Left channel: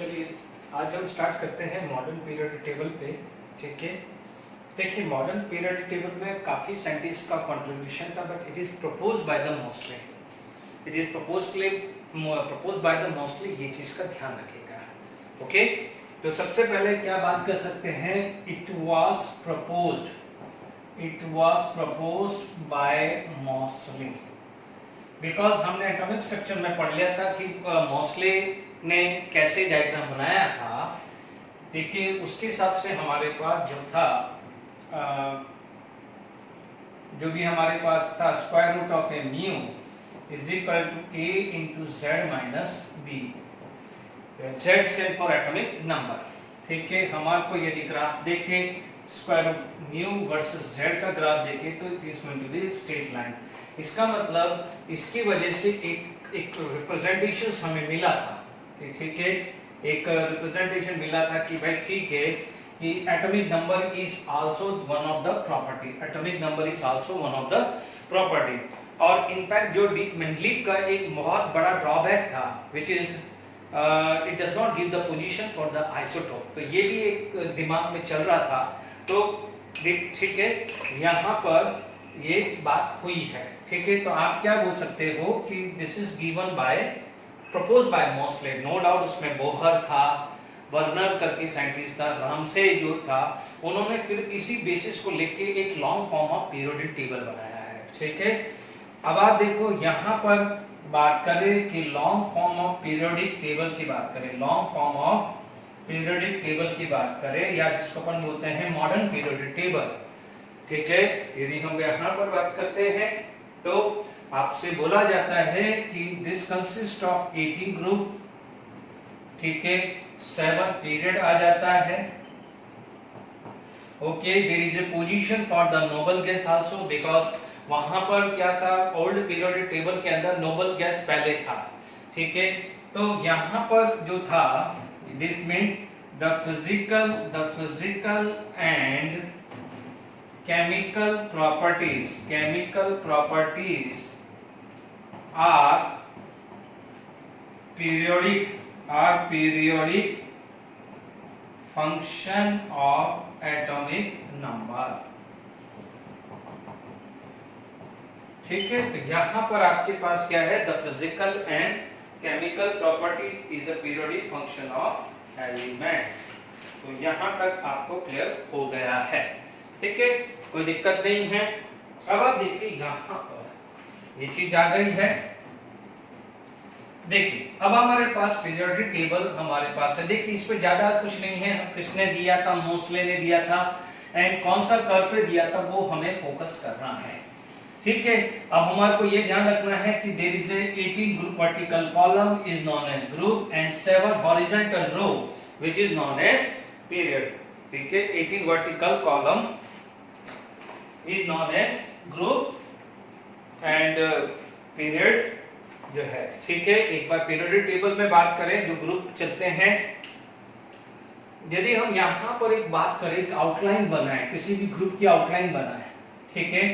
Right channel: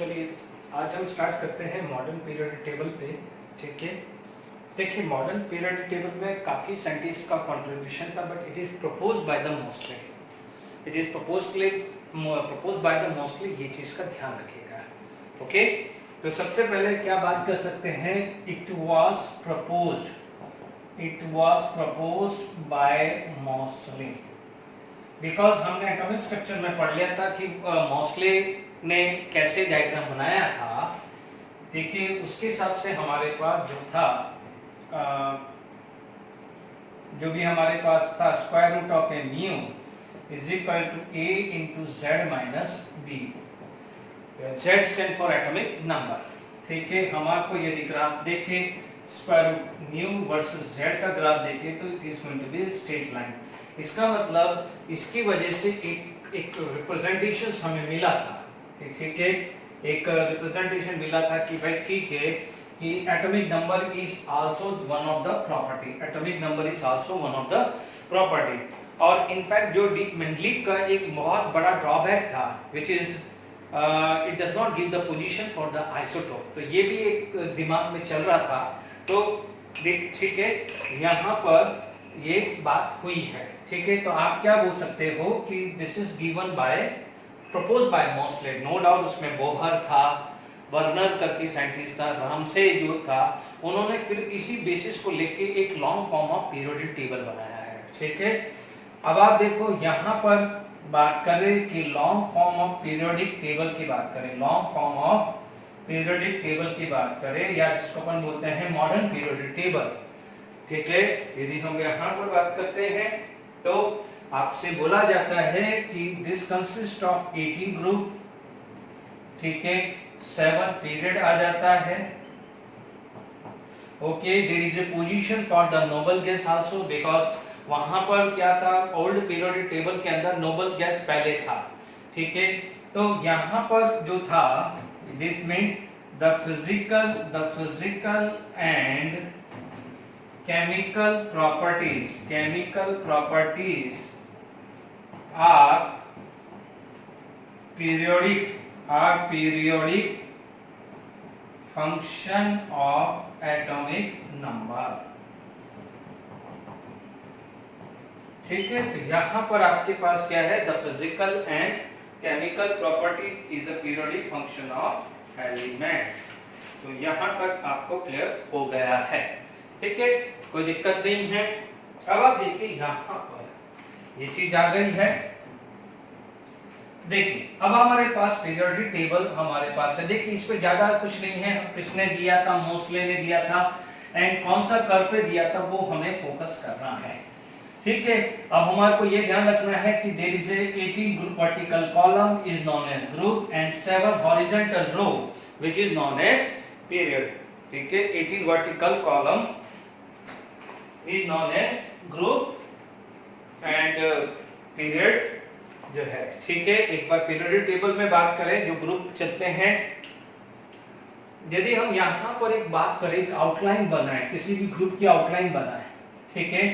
चलिए आज हम स्टार्ट करते हैं मॉडर्न पीरियोडिक टेबल पे। ठीक है, देखिए मॉडर्न पीरियोडिक टेबल में काफी साइंटिस्ट का कंट्रीब्यूशन था, but it is proposed by the mostly, it is proposed by the mostly. ये चीज का ध्यान रखिएगा। ओके, तो सबसे पहले क्या बात कर सकते हैं, it was proposed by mostly, because हमने एटॉमिक स्ट्रक्चर में पढ़ लिया था कि मोस्टली ने कैसे डायग्राम बनाया था। देखिए उसके हिसाब से हमारे पास जो था जो भी हमारे पास था, square root of a mu is equal to a into z minus b. Z stand for atomic number. ठीक है, हमारे को यदि ग्राफ देखे square root mu versus z का ग्राफ देखे तो it is going to be straight line. इसका मतलब इसकी वजह से एक रिप्रेजेंटेशन हमें मिला था। ठीक है, एक रिप्रेजेंटेशन मिला था कि भाई ठीक है कि atomic number is also one of the property, atomic number is also one of the property. और इनफैक्ट जो डी मेंडली का एक बहुत बड़ा ड्रॉबैक था which is it does not give the position for the isotope, तो ये भी एक दिमाग में चल रहा था। तो ठीक है, यहाँ पर ये बात हुई है। ठीक है, तो आप क्या बोल सकते हो कि this is given by proposed by mostly, no doubt उसमें बोहर था, वर्नर करके साइंटिस्ट था, रामसे जो था, उन्होंने फिर इसी बेसिस को लेके एक long form of periodic table बनाया है। ठीक है, अब आप देखो यहाँ पर बात करें कि long form of periodic table की बात करें, long form of periodic table की बात करें, या जिसको अपन बोलते हैं मॉडर्न पीरियोडिक टेबल। ठीक है, यदि हम यहाँ पर बात करते हैं तो आपसे बोला जाता है कि दिस कंसिस्ट ऑफ 18 ग्रुप। ठीक है, 7 पीरियड आ जाता है। Okay, there is a position for the noble gas also, because वहां पर क्या था, ओल्ड पीरियोडिक टेबल के अंदर नोबल गैस पहले था। ठीक है, तो यहां पर जो था this mean the physical and chemical properties are periodic function of atomic number। ठीक है, तो यहां पर आपके पास क्या है, the physical and chemical properties is a periodic function of element. तो यहां तक आपको क्लियर हो गया है। ठीक है, कोई दिक्कत नहीं है। अब आप देखिए यहाँ पर ये चीज आ गई है। देखिए अब हमारे पास पीरियोडिक टेबल हमारे पास है। देखिए इस पे ज्यादा कुछ नहीं है, किसने दिया था, मोस्टली ने दिया था, एंड कौन सा कर्व पे दिया था वो हमें फोकस करना है। ठीक है, अब हमारे को ये ध्यान रखना है कि there is a 18 group vertical column is known as group and 7 horizontal row which is known as period. ठीक है, 18 vertical column is known as group and period जो है। ठीक है, एक बार पीरियोडिक टेबल में बात करें जो ग्रुप चलते हैं, यदि हम यहां पर एक बात करें, एक आउटलाइन बनाए, किसी भी ग्रुप की आउटलाइन बनाए। ठीक है,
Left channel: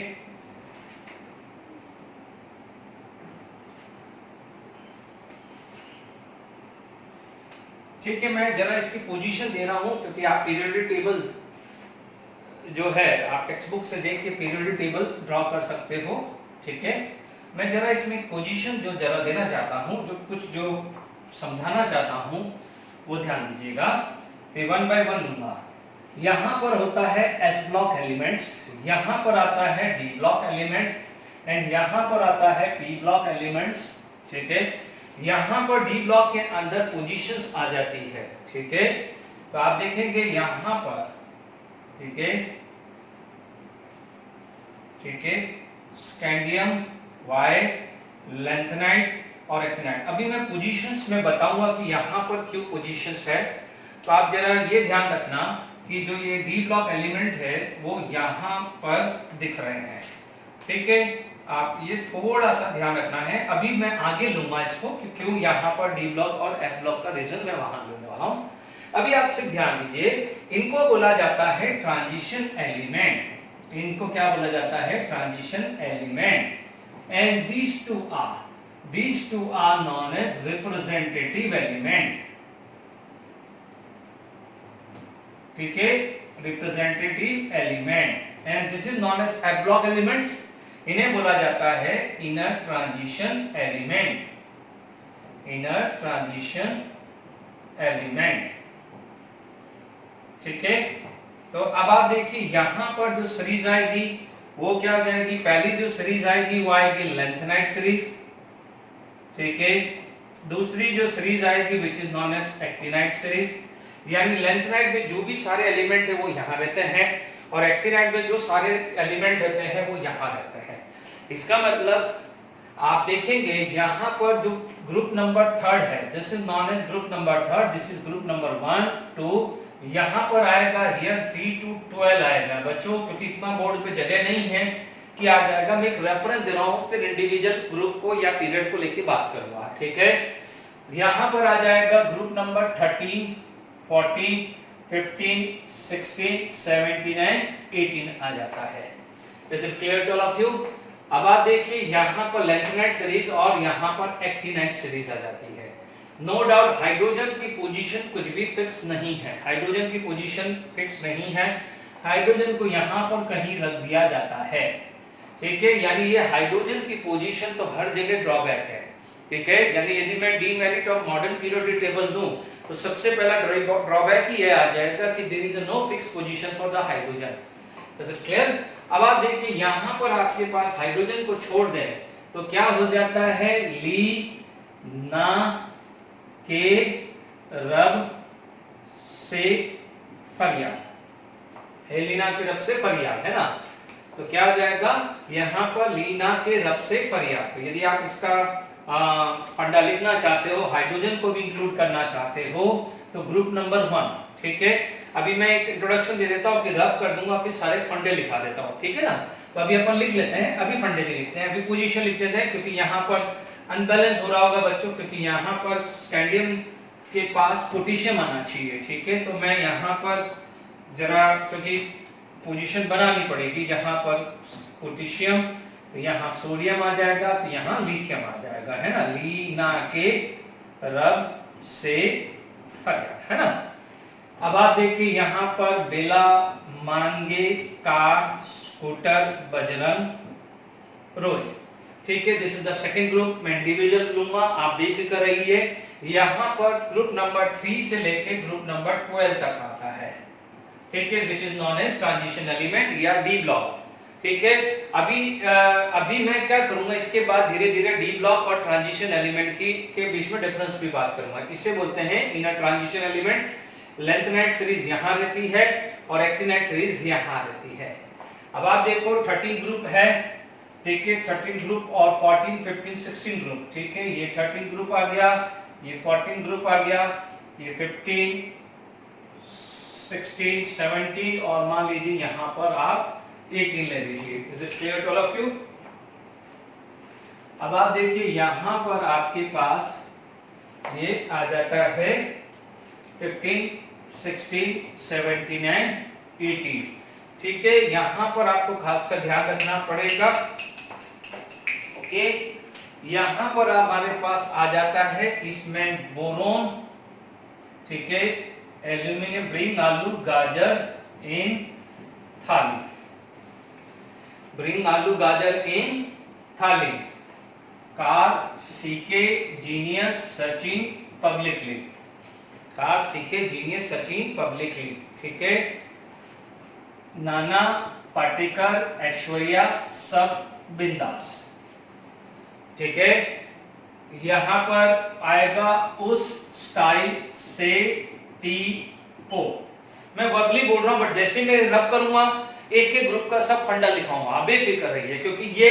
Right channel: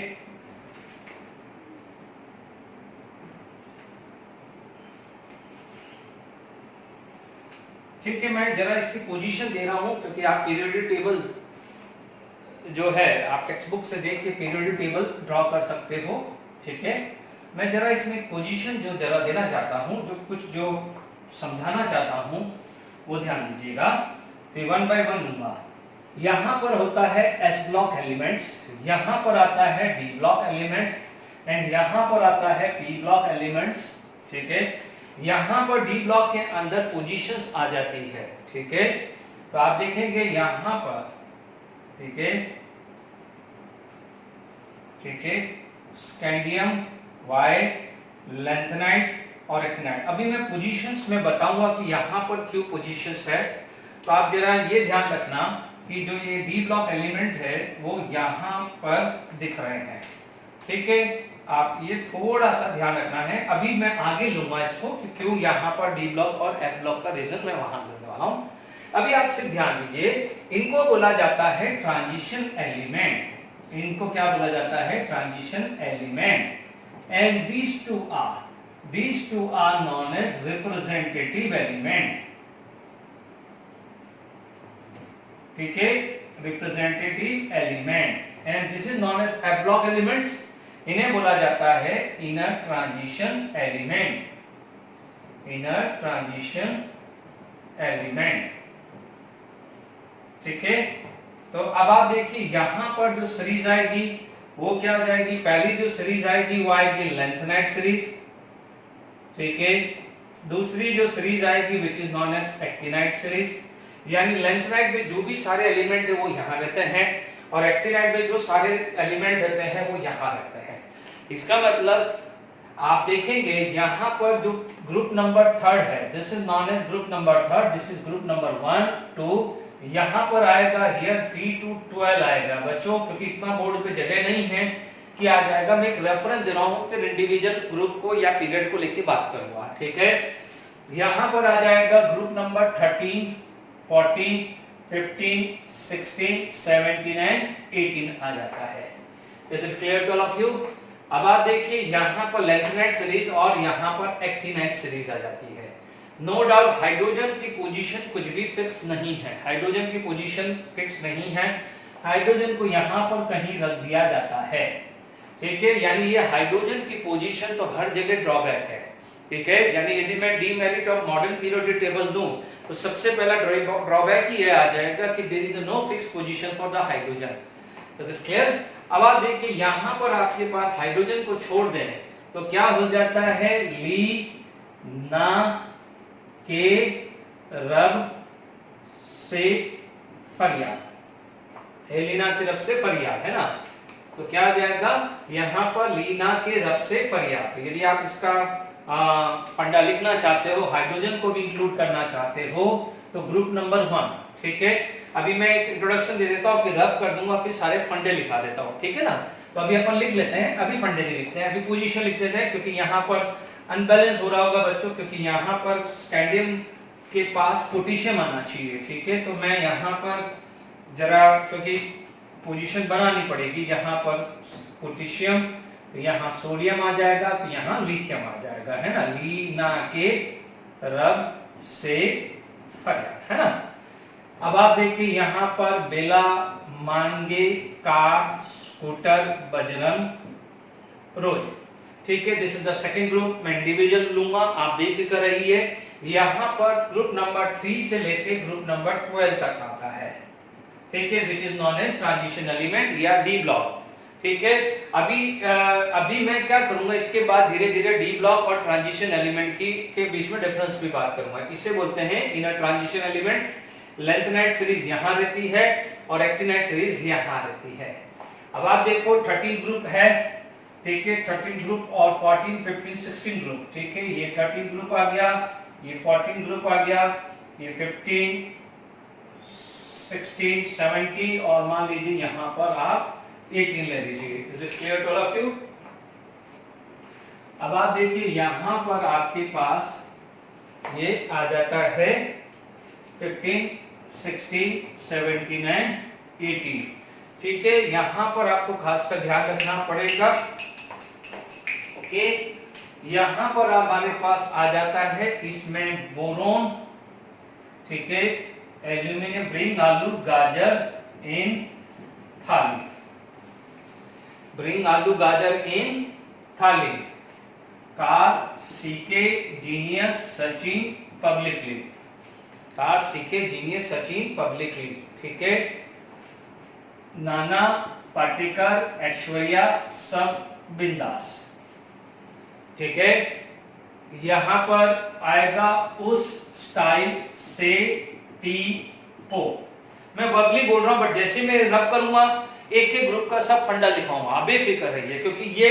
ठीक है, मैं जरा इसकी पोजीशन दे रहा हूं क्योंकि आप पीरियोडिक टेबल जो है आप टेक्स्ट बुक से देख के पीरियोडिक टेबल ड्रॉ कर सकते हो। ठीक है, मैं जरा इसमें पोजीशन जो जरा देना चाहता हूं, जो समझाना चाहता हूं वो ध्यान दीजिएगा। फिर 1 बाय 1 लूंगा। यहां पर होता है एस ब्लॉक एलिमेंट्स, यहां पर आता है डी ब्लॉक एलिमेंट एंड यहां पर आता है पी ब्लॉक एलिमेंट्स। ठीक है, यहां पर डी ब्लॉक के अंदर पोजीशंस आ जाती है। ठीक है, तो आप देखेंगे यहां पर, ठीक है, ठीक है, स्कैंडियम, वाई, लैंथेनाइट और एक्टिनाइट। अभी मैं पोजीशंस में बताऊंगा कि यहां पर क्यों पोजीशंस है। तो आप जरा ये ध्यान रखना कि जो ये डी ब्लॉक एलिमेंट है वो यहां पर दिख रहे हैं। ठीक है, आप ये थोड़ा सा ध्यान रखना है। अभी मैं आगे लूंगा इसको कि क्यों यहां पर डी ब्लॉक और एफ ब्लॉक का रीजन मैं वहां लेने वाला हूं। अभी आपसे ध्यान दीजिए, इनको बोला जाता है ट्रांजिशन एलिमेंट। इनको क्या बोला जाता है, transition element. And these two are known as representative element। ठीक है, representative element, and this is known as F block elements. इन्हें बोला जाता है inner transition element, inner transition element, ठीक है। तो अब आप देखिए यहां पर जो सीरीज आएगी वो क्या हो जाएगी, पहली जो सीरीज आएगी वो आएगी लेंथेनाइट सीरीज, ठीक है। दूसरी जो सीरीज आएगी which is known as actinide series, यानी लेंथेनाइट में जो भी सारे एलिमेंट है वो यहां रहते हैं और एक्टिनाइट में जो सारे एलिमेंट रहते हैं वो यहां रहते हैं। इसका मतलब आप देखेंगे यहां पर जो ग्रुप नंबर थर्ड है, this is known age group number third, this is group number 1 2, यहां पर आएगा हियर 3 to 12 आएगा बच्चों, क्योंकि इतना बोर्ड पे जगह नहीं है कि आ जाएगा। मैं एक रेफरेंस दे रहा हूं, फिर इंडिविजुअल ग्रुप को या पीरियड को लेके बात करूंगा, ठीक है। यहां पर आ जाएगा ग्रुप नंबर 13 14 15 16 17 एंड 18 आ जाता है। It is clear to all of you. अब आप देखिए यहां पर लेंथेनाइट सीरीज और यहां पर एक्टिनाइट सीरीज आ जाती है। नो डाउट हाइड्रोजन की पोजीशन कुछ भी फिक्स नहीं है, हाइड्रोजन की पोजीशन फिक्स नहीं है, हाइड्रोजन को यहां पर कहीं रख दिया जाता है, ठीक है। यानी ये हाइड्रोजन की पोजीशन तो हर जगह ड्रॉबैक है, ठीक है। यानी यदि मैं demerit of modern periodic table दूं तो सबसे पहला ड्रॉबैक ही ये आ जाएगा कि there is no fix position for the hydrogen. Is it clear. अब आप देखिए यहां पर आपके पास हाइड्रोजन को छोड़ दें तो क्या हो जाता है, ली ना के रब से फरियाद, लीना के रब से फरियाद, है ना। तो क्या हो जाएगा यहां पर लीना के रब से फरियाद। तो यदि आप इसका फंडा लिखना चाहते हो, हाइड्रोजन को भी इंक्लूड करना चाहते हो तो ग्रुप नंबर 1, ठीक है। अभी मैं एक इंट्रोडक्शन दे देता हूं, फिर रब कर दूंगा, फिर सारे फंडे लिखा देता हूं, ठीक है ना। तो अभी अपन लिख लेते हैं, अभी फंडे नहीं लिखते हैं, अभी पोजीशन लिख देते हैं, क्योंकि यहां पर अनबैलेंस हो रहा होगा बच्चों, क्योंकि यहां पर स्टैंडियम के पास पोटेशियम आना चाहिए, ठीक है। तो मैं यहां पर जरा, क्योंकि पोजीशन बनानी पड़ेगी, जहां पर पोटेशियम तो यहां सोडियम आ जाएगा, तो यहां लिथियम आ जाएगा, है ना। लीना के रब से फरियाद, है ना। अब आप देखिए यहां पर बेला मांगे कार स्कूटर बजरंग रोय, ठीक है। This is the second group, मैं इंडिविजुअल लूंगा, आप बेफिक्र रहिए। यहां पर ग्रुप नंबर 3 से लेके ग्रुप नंबर 12 तक आता है, ठीक है, which is known as transition element या डी ब्लॉक, ठीक है। अभी मैं क्या करूंगा, इसके बाद धीरे धीरे डी ब्लॉक और ट्रांजिशन एलिमेंट के बीच में डिफरेंस की बात करूंगा। इसे बोलते हैं inner transition element. Lanthanide series यहां रहती है और एक्टिनाइट सीरीज यहां रहती है। अब आप देखो 13 ग्रुप है, ठीक है, 13 ग्रुप और 14 15 16 ग्रुप, ठीक है। ये 13 ग्रुप आ गया, ये 14 ग्रुप आ गया, ये 15 16 17 और मान लीजिए यहां पर आप 18 ले लीजिए। Is it clear to all of you. अब आप देखिए यहां पर आपके पास ये आ जाता है 15 16 17 एंड 18, ठीक है। यहां पर आपको खासकर ध्यान रखना पड़ेगा, ओके। यहां पर हमारे पास आ जाता है इसमें बोरोन, ठीक है, एल्यूमिनियम, ब्रिंग आलू गाजर इन थाली, ब्रिंग आलू गाजर इन थाली, कार सीके जीनियस सचिन पब्लिकली, कार सीके जीनियस सचिन पब्लिकली, ठीक है। नाना पाटेकर ऐश्वर्या सब बिंदास, ठीक है। यहां पर आएगा उस स्टाइल से टी पो। मैं वर्बली बोल रहा हूं, बट जैसे मैं रब करूंगा एक एक ग्रुप का सब फंडा लिखाऊंगा, आप बेफिक्र रहिए, क्योंकि ये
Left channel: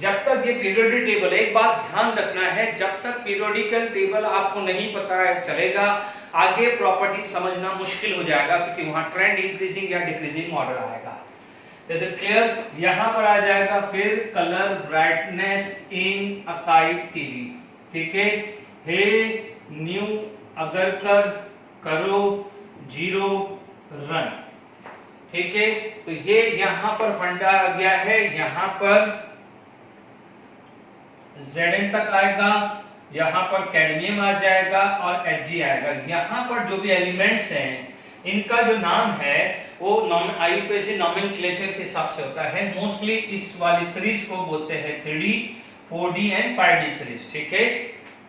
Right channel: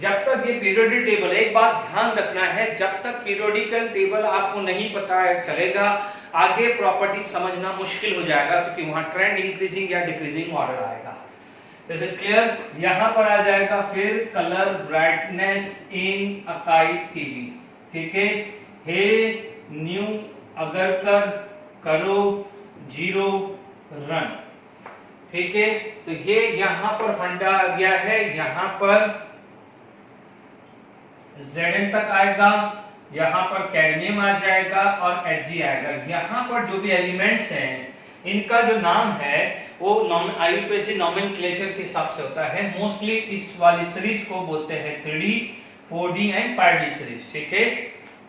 जब तक ये पीरियोडिक टेबल है, एक बात ध्यान रखना है, जब तक पीरियोडिकल टेबल आपको नहीं पता है चलेगा, आगे प्रॉपर्टी समझना मुश्किल हो जाएगा, क्योंकि वहां ट्रेंड इंक्रीजिंग या डिक्रीजिंग ऑर्डर आएगा। Is it clear. यहां पर आ जाएगा फिर colour brightness in Akai TV, ठीक है। हे न्यू अगर कर करो जीरो रन, ठीक है। तो ये यहां पर फंडा आ गया है, यहां पर Zn तक आएगा, यहां पर कैडमियम आ जाएगा और Hg आएगा। यहां पर जो भी एलिमेंट्स हैं इनका जो नाम है वो आईयूपीएसी नॉमेनक्लेचर के हिसाब से होता है। मोस्टली इस वाली सीरीज को बोलते हैं 3D, 4D and 5D series. ठीक है,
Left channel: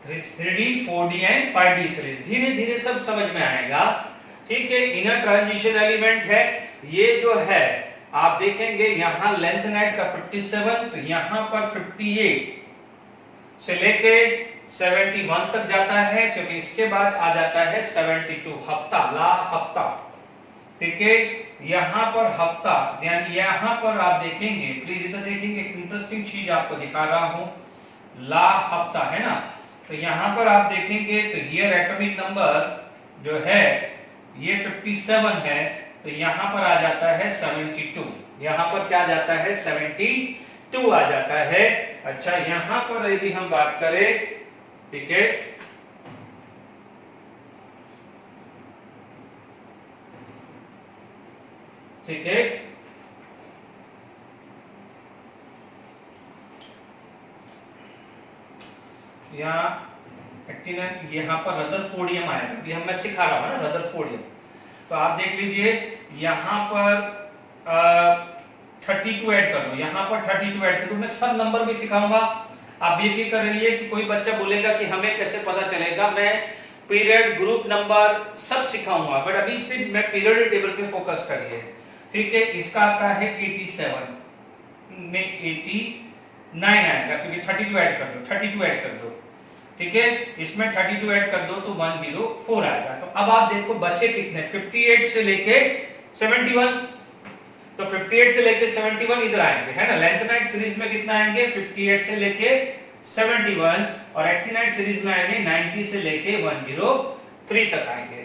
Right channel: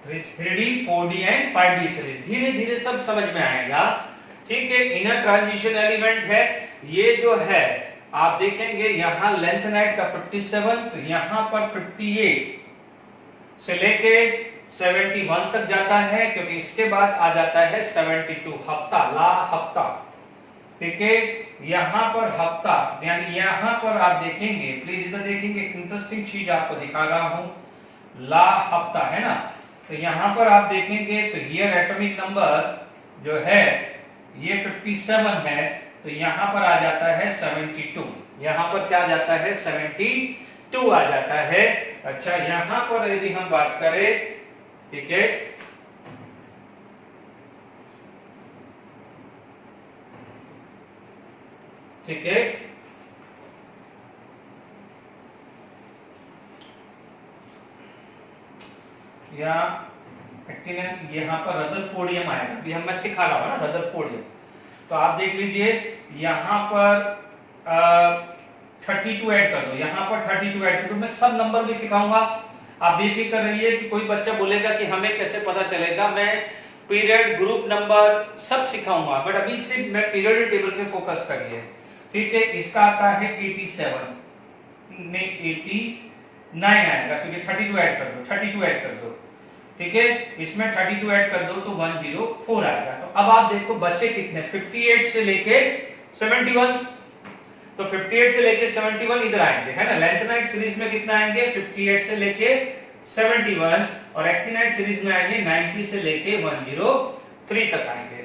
3D, 4D and 5D series. धीरे धीरे सब समझ में आएगा। ठीक है, इनर ट्रांजिशन एलिमेंट है ये जो है, आप देखेंगे यहां लेंथेनाइट का 57, तो यहां पर 58 से लेके 71 तक जाता है, क्योंकि इसके बाद आ जाता है 72 हफ्ता, ला हफ्ता। ठीक है, यहां पर हफ्ता, यानी यहां पर आप देखेंगे, प्लीज इधर देखेंगे, एक इंटरेस्टिंग चीज आपको दिखा रहा हूं, ला हफ्ता है ना, तो यहां पर आप देखेंगे तो हियर एटॉमिक नंबर जो है ये 57 है, तो यहां पर आ जाता है 72, यहां पर क्या आ जाता है 72 आ जाता है। अच्छा, यहां पर यदि हम बात करें, ठीक है, ठीक है, यहाँ पर रदरफोर्डियम आएगा, अभी मैं सिखा रहा हूं ना रदरफोर्डियम। तो आप देख लीजिए यहां पर 32 ऐड कर दो, यहां पर 32 ऐड कर दो। मैं सब नंबर भी सिखाऊंगा, आप बेफिक्र रहिए कि कोई बच्चा बोलेगा कि हमें कैसे पता चलेगा, मैं पीरियड, ग्रुप नंबर सब सिखाऊंगा, बट अभी सिर्फ मैं पीरियड टेबल पे फोकस करिए। ठीक है, इसका आता है 87 में 89 आएगा, क्योंकि 32 ऐड कर दो, 32 ऐड कर दो। ठीक है, इसमें 32 ऐड कर दो तो 104 आएगा। तो अब आप देखो बचे कितने, 58 से लेके 71, तो 58 से लेके 71 इधर आएंगे, है ना। लेंथेनाइट सीरीज में कितना आएंगे, 58 से लेके 71, और एक्टिनाइट सीरीज में आएंगे 90 से लेके 103 तक आएंगे।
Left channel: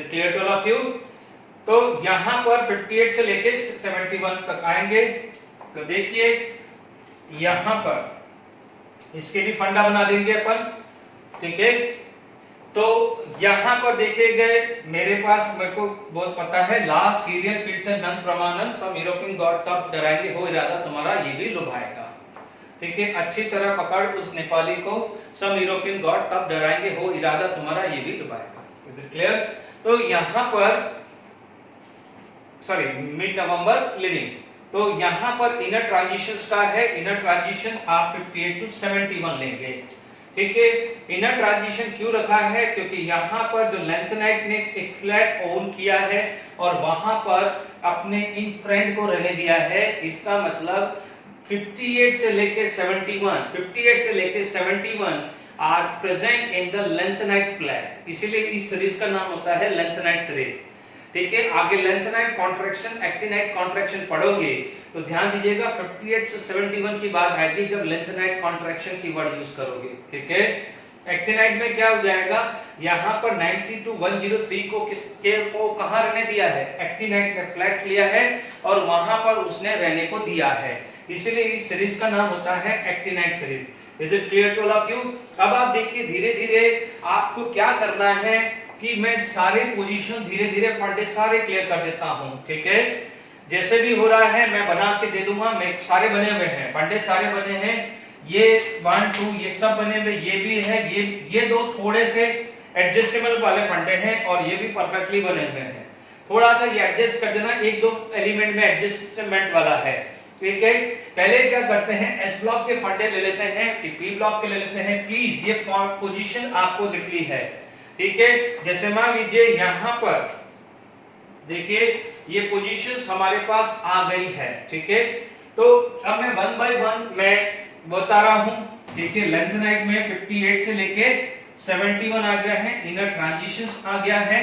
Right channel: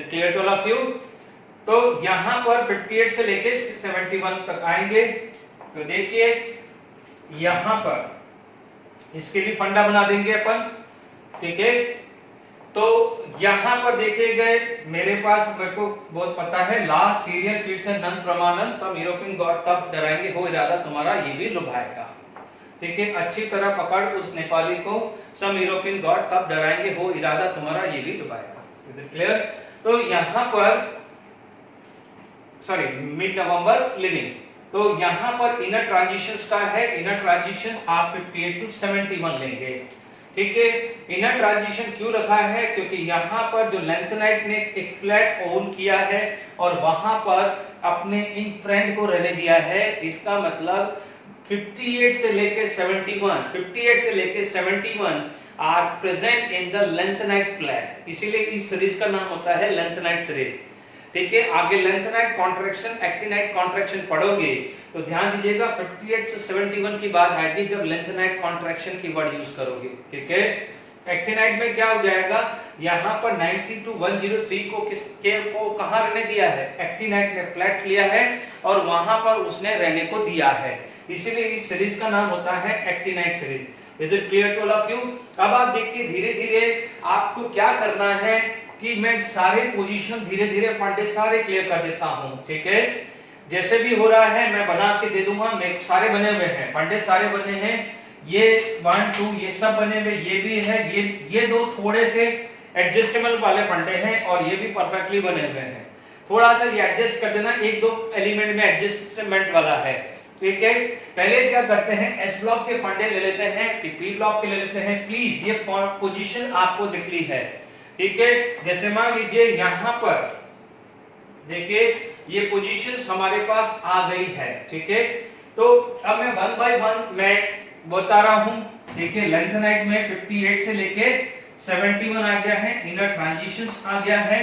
Clear to all of you. तो यहां पर 58 से लेके 71 तक आएंगे। तो देखिए यहां पर इसके भी फंडा बना देंगे अपन। ठीक है, तो यहां पर देखे गए मेरे पास, मेरे को बहुत पता है, ला सीरियल फिर से नन प्रमाणन सम यूरोपियन गॉड तब डराएंगे हो इरादा तुम्हारा ये भी लुभाएगा। ठीक है, अच्छी तरह पकड़ उस नेपाली को, सम यूरोपियन गॉड तब डराएंगे हो इरादा तुम्हारा ये भी लुभाएगा। Is it clear. तो यहां पर सॉरी मिड नवंबर लिविंग, तो यहां पर इनर ट्रांजिशंस का है, इनर ट्रांजिशन आप 58 टू 71 लेंगे। ठीक है, इनर ट्रांजिशन क्यों रखा है, क्योंकि यहां पर जो लेंथेनाइट ने एक फ्लैट ओन किया है और वहां पर अपने इन फ्रेंड को रहने दिया है, इसका मतलब 58 से लेके 71, 58 से लेके 71 are present in the lanthanide flat, इसीलिए इस सीरीज का नाम होता है लेंथेनाइट सीरीज। ठीक है, आगे लेंथेनाइट कॉन्ट्रैक्शन, एक्टिनाइट कॉन्ट्रैक्शन पढ़ोगे तो ध्यान दीजिएगा 58 से 71 की बात आएगी जब लेंथेनाइट कॉन्ट्रैक्शन की वर्ड यूज करोगे। ठीक है, एक्टिनाइट में क्या हो जाएगा, यहां पर 90 टू 103 को को कहां रहने दिया है, एक्टिनाइट ने फ्लैट लिया है और वहां पर उसने रहने को दिया है, इसीलिए इस सीरीज का नाम होता है actinide series. Is it clear to all of you. अब आप देखिए धीरे धीरे आपको क्या करना है कि मैं सारे पोजीशन धीरे धीरे फंडे सारे क्लियर कर देता हूं। ठीक है, जैसे भी हो रहा है मैं बना के दे दूंगा, मैं सारे बने हुए हैं, फंडे सारे बने हैं, ये 1 2 ये सब बने हुए, ये भी है, ये दो थोड़े से एडजस्टेबल वाले फंडे हैं और ये भी परफेक्टली बने हुए हैं। थोड़ा सा ये एडजस्ट कर देना, एक दो एलिमेंट में एडजस्टमेंट वाला है। ठीक है, पहले क्या करते हैं, एस ब्लॉक के फंडे ले लेते हैं, फिर पी ब्लॉक के ले लेते हैं। प्लीज ये पोजीशन आपको दिख ली है। ठीक है, जैसे मान लीजिए यहां पर देखिए ये पोजीशंस हमारे पास आ गई है। ठीक है, तो अब मैं 1 बाय 1 मैं बता रहा हूं। देखिए लेंथेनाइट में 58 से लेके 71 आ गया है, इनर ट्रांजिशंस आ गया है।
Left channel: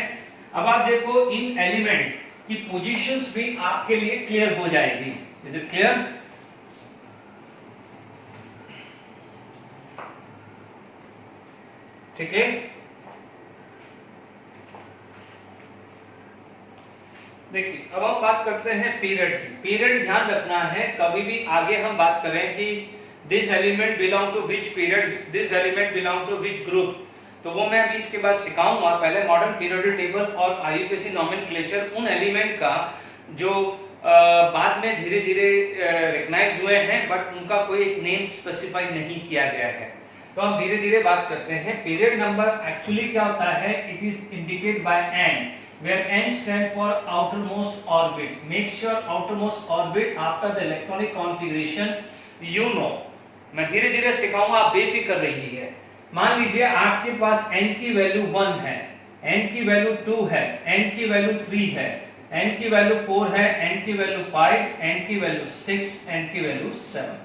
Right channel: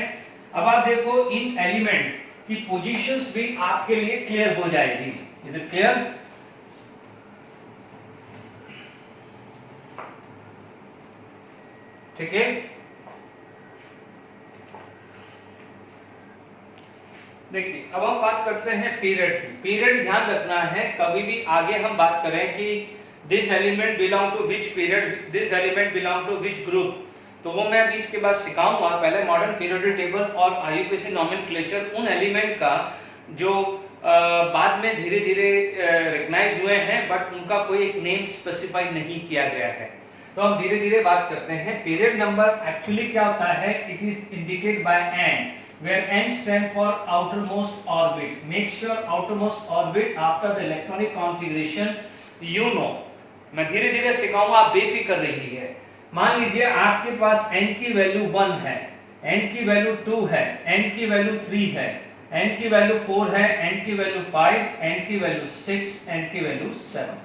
अब आप देखो इन एलिमेंट की पोजीशंस भी आपके लिए क्लियर हो जाएगी। Is it clear. ठीक है, देखिए अब हम बात करते हैं पीरियड की। पीरियड ध्यान रखना है, कभी भी आगे हम बात करें कि this element belong to which period, this element belong to which group, तो वो मैं अभी इसके बाद सिखाऊंगा। पहले मॉडर्न पीरियोडिक टेबल और आईयूपीएसी नोमेनक्लेचर उन एलिमेंट का जो बाद में धीरे धीरे रिकॉग्नाइज हुए हैं बट उनका कोई एक नेम स्पेसिफाई नहीं किया गया है। तो हम धीरे धीरे बात करते हैं। पीरियड नंबर एक्चुअली क्या होता है, it is indicate by n, where n stand for outermost orbit. Make sure outermost orbit after the electronic configuration you know. मैं धीरे धीरे सिखाऊंगा, आप बेफिक्र रहिए। मान लीजिए आपके पास n की वैल्यू 1 है, n की वैल्यू 2 है, n की वैल्यू 3 है, n की वैल्यू 4 है, n की वैल्यू 5, n की वैल्यू 6, n की वैल्यू 7।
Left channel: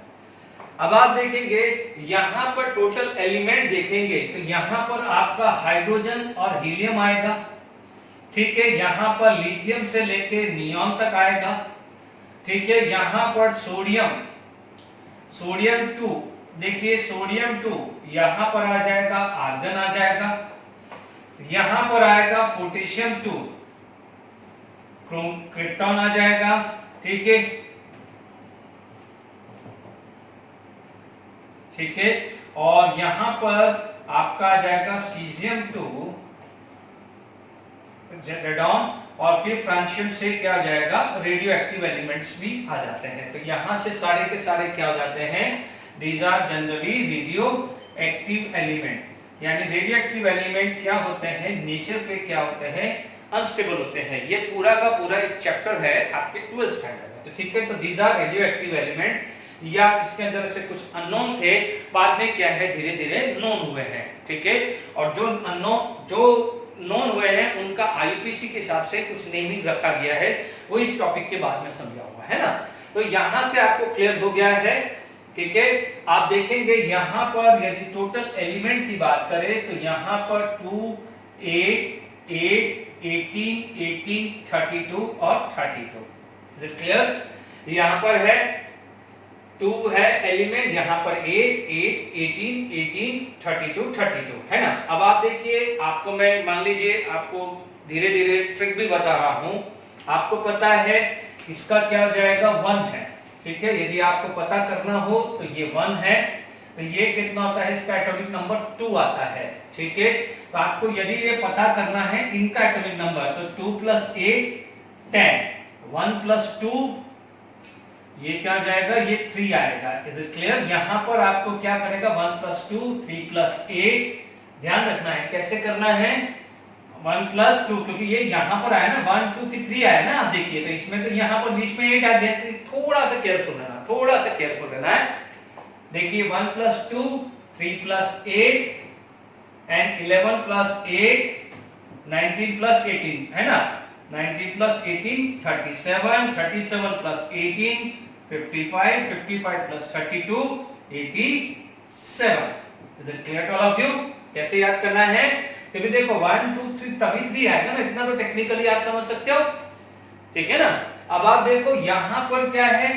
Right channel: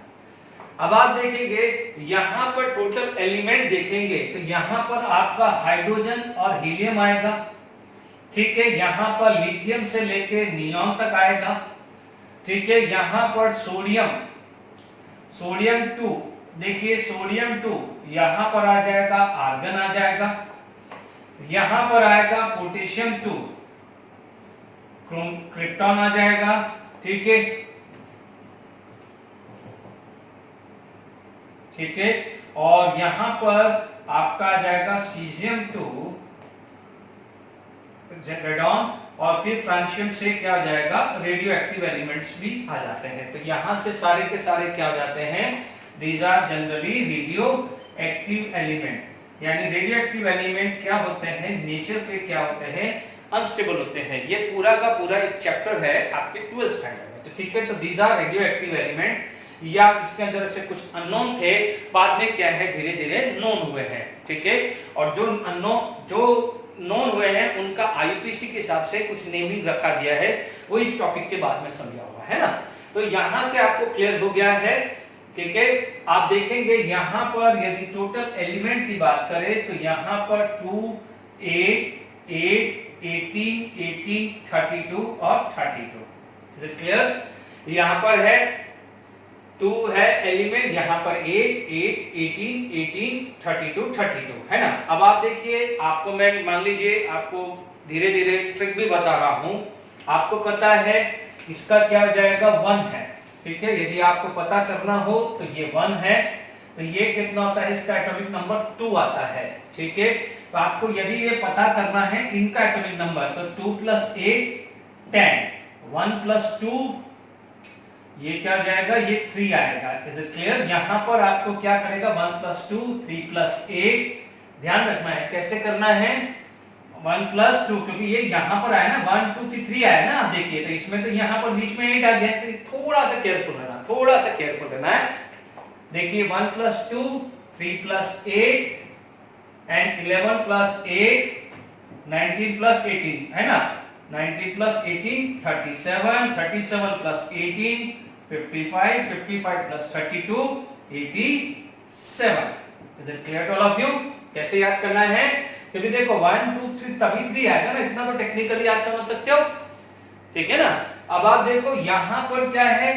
अब आप देखेंगे यहां पर टोटल एलिमेंट देखेंगे तो यहां पर आपका हाइड्रोजन और हीलियम आएगा, ठीक है। यहां पर लिथियम से लेके नियॉन तक आएगा, ठीक है। यहां पर सोडियम 2, देखिए सोडियम 2 यहां पर आ जाएगा, आर्गन आ जाएगा। यहां पर आएगा पोटेशियम 2, क्रिप्टॉन आ जाएगा, ठीक है, ठीक है। और यहां पर आपका आ जाएगा सीजियम 2, रेडॉन, और फिर फ्रांशियम से क्या आ जाएगा, रेडियो एक्टिव एलिमेंट्स भी आ जाते हैं। तो यहां से सारे के सारे क्या हो जाते हैं, these are generally radioactive element. यानी रेडियो एक्टिव एलिमेंट क्या होते हैं, नेचर पे क्या होते हैं, अनस्टेबल होते हैं। ये पूरा का पूरा एक चैप्टर है आपके 12th स्टैंडर्ड में, तो ठीक है। तो these are radioactive element, या इसके अंदर से कुछ अननोन थे, बाद में क्या है धीरे धीरे नोन हुए हैं, ठीक है। और जो अननोन, जो नोन हुए हैं उनका आईपीसी के हिसाब से कुछ नेमिंग रखा गया है, वो इस टॉपिक के बाद में समझा हुआ है ना। तो यहां से आपको क्लियर हो गया है, ठीक है। आप देखेंगे यहां पर यदि टोटल एलिमेंट की बात करें तो यहां पर 2, 8, 8, 18, 18, 32 और 32। क्लियर, यहां पर है 2 है एलिमेंट, यहां पर 8, 8, 18, 18, 32, 32 है ना। अब आप देखिए, आपको मैं मान लीजिए आपको धीरे धीरे ट्रिक भी बता रहा हूं। आपको पता है इसका क्या जाएगा, 1 है, ठीक है। यदि आपको पता करना हो तो ये 1 है, तो ये कितना होता है, इसका एटॉमिक नंबर 2 आता है, ठीक है। तो आपको यदि ये पता करना है इनका एटॉमिक नंबर, तो 2 + 8 10, 1 + 2 ये क्या जाएगा, ये 3 आएगा। Is it clear. यहां पर आपको क्या करेगा, 1 + 2, 3 + 8, ध्यान रखना है कैसे करना है, 1 + 2, क्योंकि ये यहां पर आया ना, 1 2 3 आया ना। आप देखिए तो इसमें तो यहां पर बीच में 8 आ गया, तो थोड़ा सा केयरफुल रहना, थोड़ा सा केयरफुल रहना है। देखिए 1 + 2, 3 + 8 एंड 11 + 8, 19 + 18 है ना। 19 + 18 37, 37 + 18 55, 55 + 32 87। Is it clear to all of you. कैसे याद करना है, क्योंकि देखो 1 2 3 तभी 3 आएगा ना, इतना तो टेक्निकली आप समझ सकते हो, ठीक है ना। अब आप देखो यहां पर क्या है,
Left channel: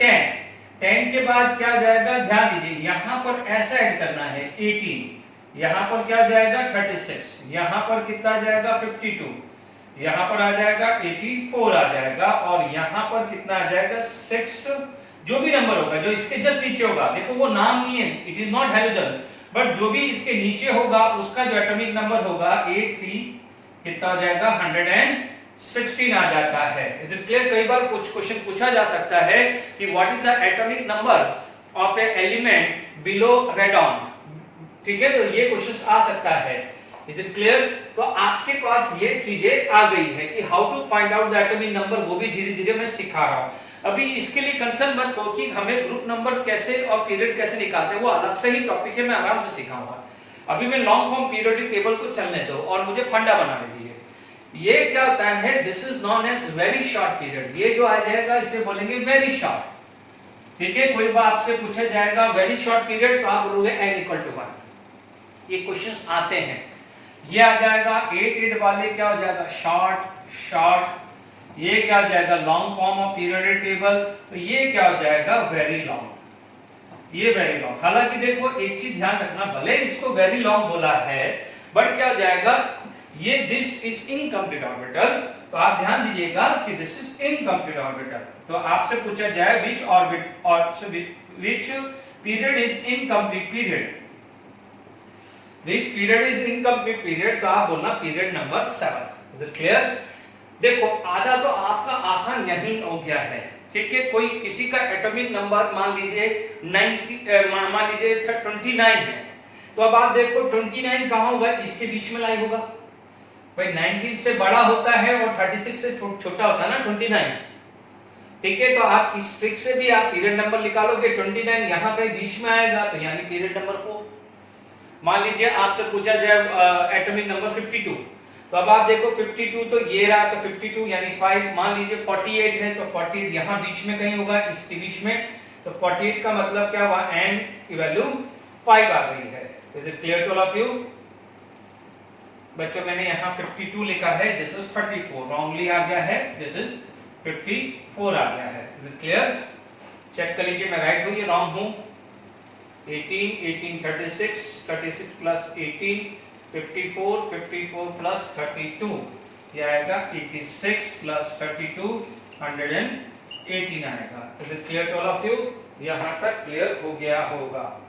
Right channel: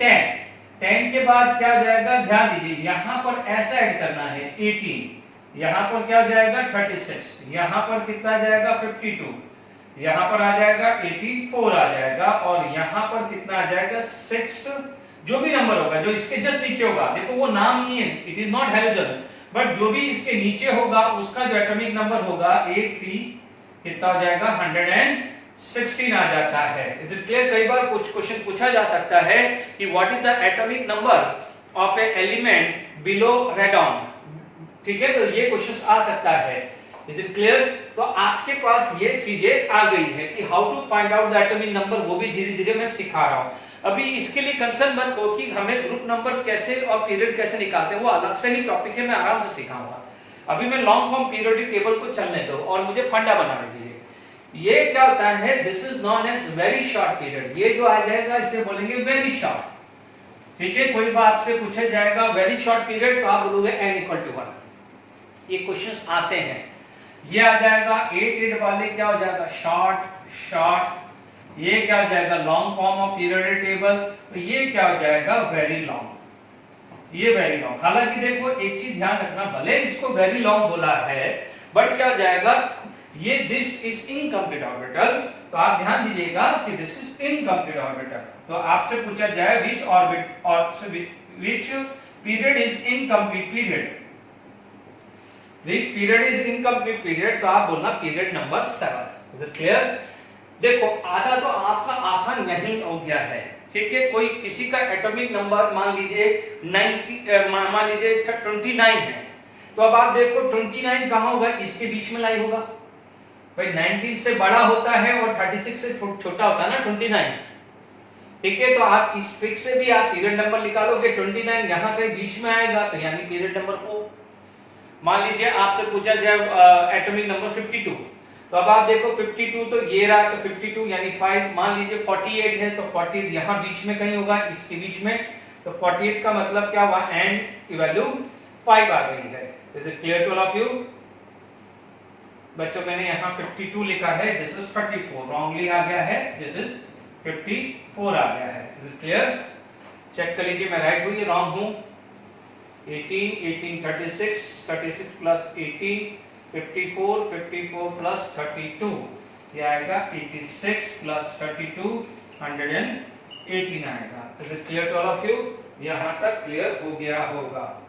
10, 10 के बाद क्या जाएगा, ध्यान दीजिए यहां पर ऐसा ऐड करना है 18, यहां पर क्या जाएगा 36, यहां पर कितना जाएगा 52, यहां पर आ जाएगा 84 आ जाएगा, और यहां पर कितना आ जाएगा 6, जो भी नंबर होगा जो इसके जस्ट नीचे होगा, देखो वो नाम नहीं है, it is not halogen, but जो भी इसके नीचे होगा उसका जो एटॉमिक नंबर होगा 83 कितना आ जाएगा 116 आ जाता है। It is clear. कई बार कुछ क्वेश्चन पूछा जा सकता है कि what is the atomic number of a element below radon, ठीक है, तो ये क्वेश्चन आ सकता है। Is it clear. तो आपके पास ये चीजें आ गई है कि how to find out the atomic number, वो भी धीरे धीरे मैं सिखा रहा हूं। अभी इसके लिए कंसर्न मत हो कि हमें ग्रुप नंबर कैसे और पीरियड कैसे निकालते हैं, वो अलग से ही टॉपिक है, मैं आराम से सिखाऊंगा। अभी मैं लॉन्ग फॉर्म पीरियोडिक टेबल को चलने दो और मुझे फंडा बना दीजिए। ये क्या होता है, this is known as very short period. ये जो आ जाएगा इसे बोलेंगे वेरी शॉर्ट, ठीक है। कोई बात आपसे पूछा जाएगा वेरी शॉर्ट पीरियड, तो आप बोलोगे n = 1। ये क्वेश्चंस आते हैं। ये आ जाएगा 8 वाले क्या हो जाएगा, शॉर्ट शॉर्ट। ये क्या हो जाएगा, long form of periodic table, तो ये क्या हो जाएगा, वेरी लॉन्ग। ये वेरी लॉन्ग। हालांकि देखो एक चीज ध्यान रखना, भले इसको वेरी लॉन्ग बोला है, बट क्या हो जाएगा, ये दिस इज इनकम्प्लीट ऑर्बिटल, तो आप ध्यान दीजिएगा कि दिस इज इनकम्प्लीट ऑर्बिटल। तो आपसे पूछा जाए विच ऑर्बिट और which period is incomplete period, which period is incomplete period, तो आप बोलना period number 7। Is it clear. देखो आधा तो आपका आसान यही हो गया है, ठीक है। कोई किसी का एटॉमिक नंबर मान लीजिए 29 है, तो अब आप देखो 29 कहां होगा, इसके बीच में लाई होगा, भाई 19 से बड़ा होता है और 36 से छोटा होता है ना 29, ठीक है। तो आप इस ट्रिक से भी आप पीरियड नंबर निकालोगे, 29 यहाँ कहीं बीच में आएगा तो यानी पीरियड नंबर 4। मान लीजिए आपसे पूछा जाए एटॉमिक नंबर 52, तो अब आप देखो 52 तो ये रहा, तो 52 यानी 5। मान लीजिए 48 है तो 48 यहाँ बीच में कहीं होगा, इसके बीच में, तो 48 का मतलब क्या हुआ, एंड की वैल्यू 5 आ गई है। Is it clear to all of you बच्चों? मैंने यहाँ 52 लिखा है, दिस इज 34, रॉन्गली आ गया है, दिस इज 54 आ गया है। Is it clear? चेक कर लीजिए मैं राइट हूँ या रॉन्ग हूँ। 18 18 36 36 प्लस 18 54 54 प्लस 32 ये आएगा 86 प्लस 32 118 आएगा। Is it clear to all of you? यहां तक क्लियर हो गया होगा।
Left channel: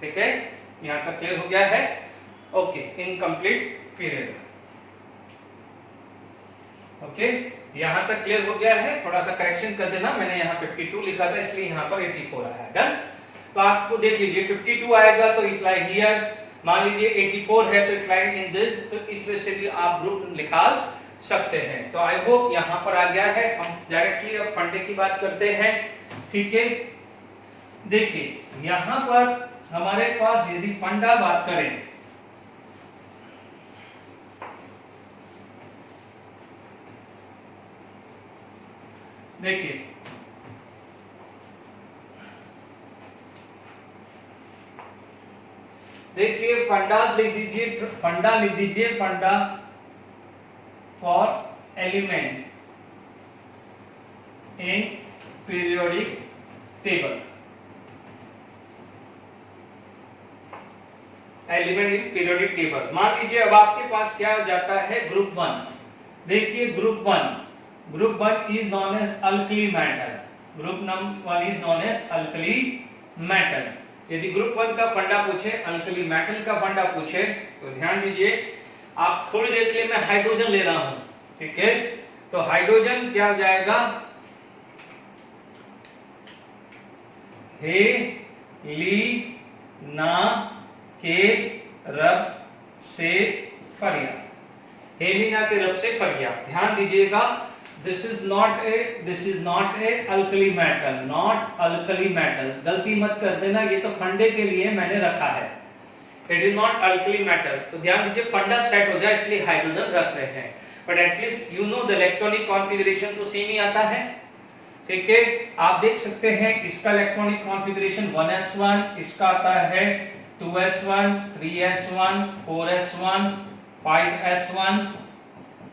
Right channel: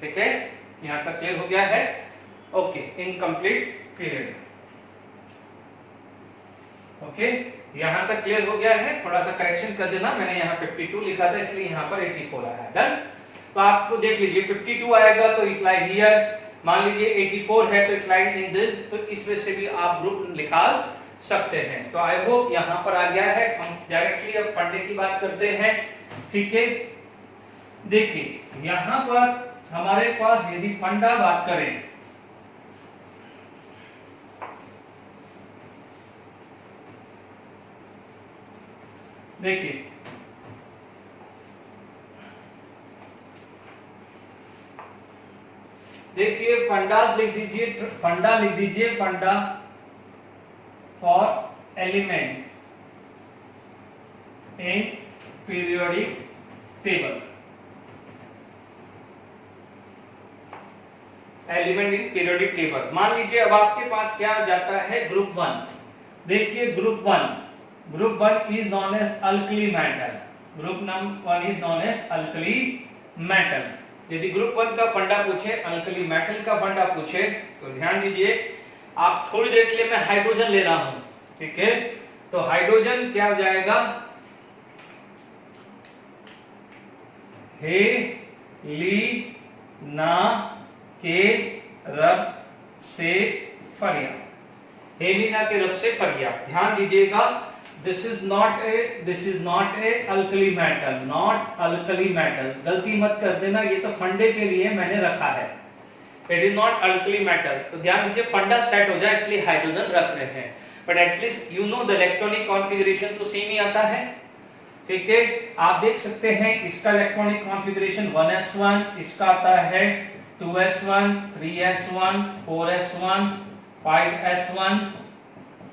ठीक है, यहां तक क्लियर हो गया है। Okay, incomplete clear. ओके, यहां तक क्लियर हो गया है। थोड़ा सा करेक्शन कर देना, मैंने यहाँ 52 लिखा था इसलिए यहाँ पर 84 आया है। डन। तो आपको देख लीजिए 52 आएगा तो इट लाई हियर, मान लीजिए 84 है तो इट लाई इन दिस, तो इस वजह से भी आप ग्रुप निकाल सकते हैं। तो आई होप यहाँ पर आ गया है। हम डायरेक्टली अब फंडे की बात करते हैं। ठीक है, देखिए यहाँ पर हमारे पास यदि फंडा बात करें, देखिए देखिए फंडा लिख दीजिए, फंडा लिख दीजिए, फंडा for element in periodic table, element in periodic table. मान लीजिए अब आपके पास क्या आ जाता है, ग्रुप 1। देखिए group 1 is known as alkali metal, group number 1 is known as alkali metal. यदि ग्रुप 1 का फंडा पूछे, अल्कली मेटल का फंडा पूछे, तो ध्यान दीजिए, आप थोड़ी देर के लिए मैं हाइड्रोजन ले रहा हूं, ठीक है। तो हाइड्रोजन क्या हो जाएगा, हे ली ना के रब से फरिया, हेलिना के रब से फरिया। ध्यान दीजिएगा, this is not A alkali metal, not alkali metal, गलती मत कर देना, ये तो फंडे के लिए मैंने रखा है, it is not alkali metal. तो ध्यान दीजिए, फंडा सेट हो जाए इसलिए हाइड्रोजन रख रहे हैं, but at least you know the electronic configuration तो सेम ही आता है। ठीक है, आप देख सकते हैं इसका इलेक्ट्रॉनिक कॉन्फ़िगरेशन 1s1, इसका आता है 2s1, 3s1, 4s1, 5s1,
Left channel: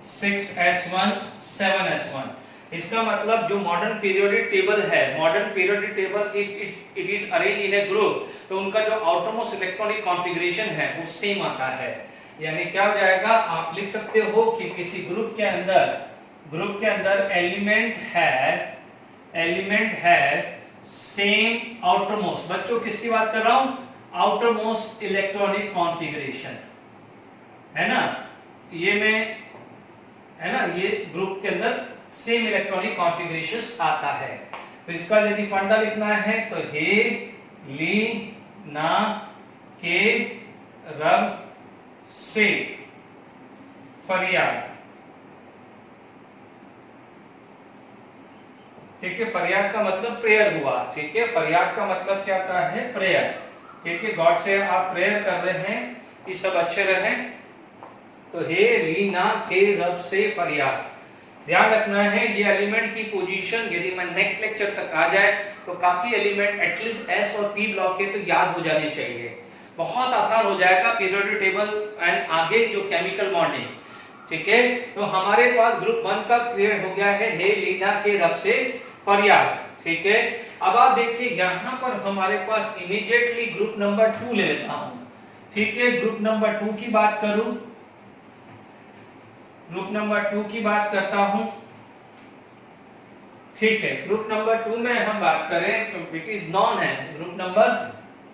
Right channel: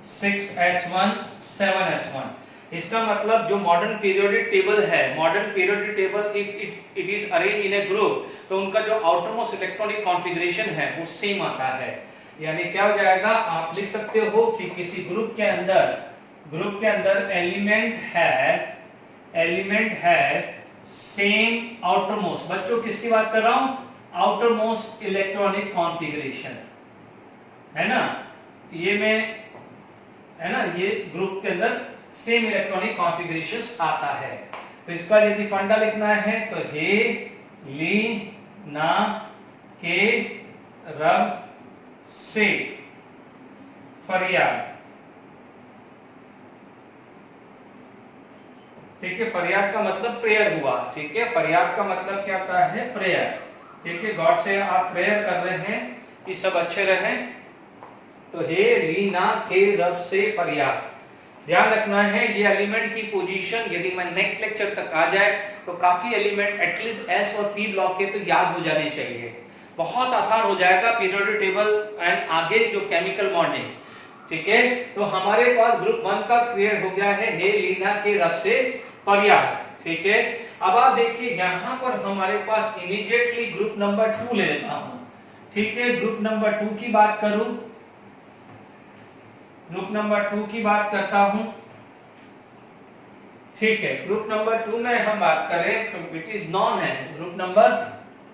6s1, 7s1। इसका मतलब जो मॉडर्न पीरियोडिक टेबल है, modern periodic table if it is arrange in A group, तो उनका जो आउटरमोस्ट इलेक्ट्रॉनिक कॉन्फ़िगरेशन है वो सेम आता है। यानी क्या हो जाएगा, आप लिख सकते हो कि किसी ग्रुप के अंदर एलिमेंट है सेम आउटरमोस्ट, बच्चों किसकी बात कर रहा हूं, आउटरमोस्ट इलेक्ट्रॉनिक कॉन्फ़िगरेशन है ना, ये ग्रुप के अंदर सेम इलेक्ट्रॉनिक कॉन्फ़िगरेशन आता है। तो इसका यदि फंडा लिखना है तो हे ली ना के रब से फरियाद। ठीक है, फरियाद का मतलब प्रेयर हुआ। ठीक है, फरियाद का मतलब क्या होता है, प्रेयर। ठीक है, गॉड से आप प्रेयर कर रहे हैं कि सब अच्छे रहें, तो हे रीना के रब से फरियाद। ध्यान रखना है ये एलिमेंट की पोजीशन यदि मैं नेक्स्ट लेक्चर तक आ जाए तो काफी एलिमेंट एटलीस्ट एस और पी ब्लॉक के तो याद हो जाने चाहिए, बहुत आसान हो जाएगा पीरियोडिक टेबल एंड आगे जो केमिकल बॉन्डिंग। ठीक है, तो हमारे पास ग्रुप 1 का क्लियर हो गया है, हे लीना के रब से फरियाद। ठीक है, अब आप देखिए यहां पर हमारे पास इमीडिएटली ग्रुप नंबर 2 ले लेता हूं। ठीक है, ग्रुप नंबर 2 की बात करूं, ग्रुप नंबर 2 की बात करता हूं। ठीक है, ग्रुप नंबर 2 में हम बात करें तो इट इज नॉन है ग्रुप नंबर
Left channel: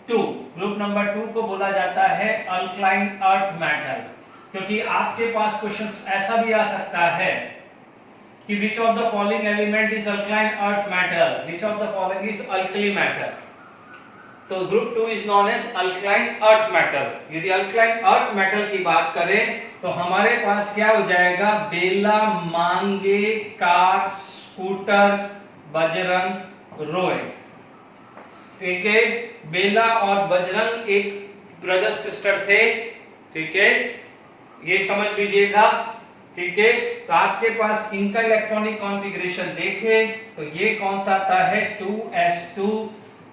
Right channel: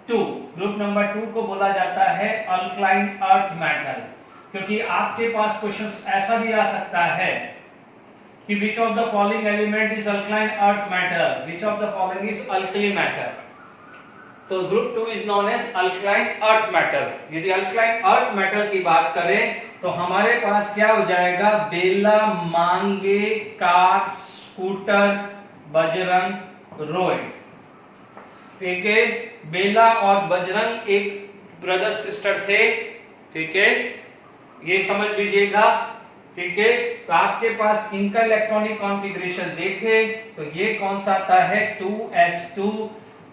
2। ग्रुप नंबर 2 को बोला जाता है अल्कलाइन अर्थ मेटल, क्योंकि आपके पास क्वेश्चन ऐसा भी आ सकता है कि which of the following element is alkaline earth metal, which of the following is alkali metal. तो group 2 is known as alkaline earth metal. यदि अल्कलाइन अर्थ मेटल की बात करें तो हमारे पास क्या हो जाएगा, बेला, मांगे, कार, स्कूटर, बजरंग, रोय। ठीक है, बेला और बजरंग एक ब्रदर सिस्टर थे। ठीक है, ये समझ लीजिएगा। ठीक है, तो आपके पास इनका इलेक्ट्रॉनिक कॉन्फ़िगरेशन देखे तो ये कौन सा आता है, 2s2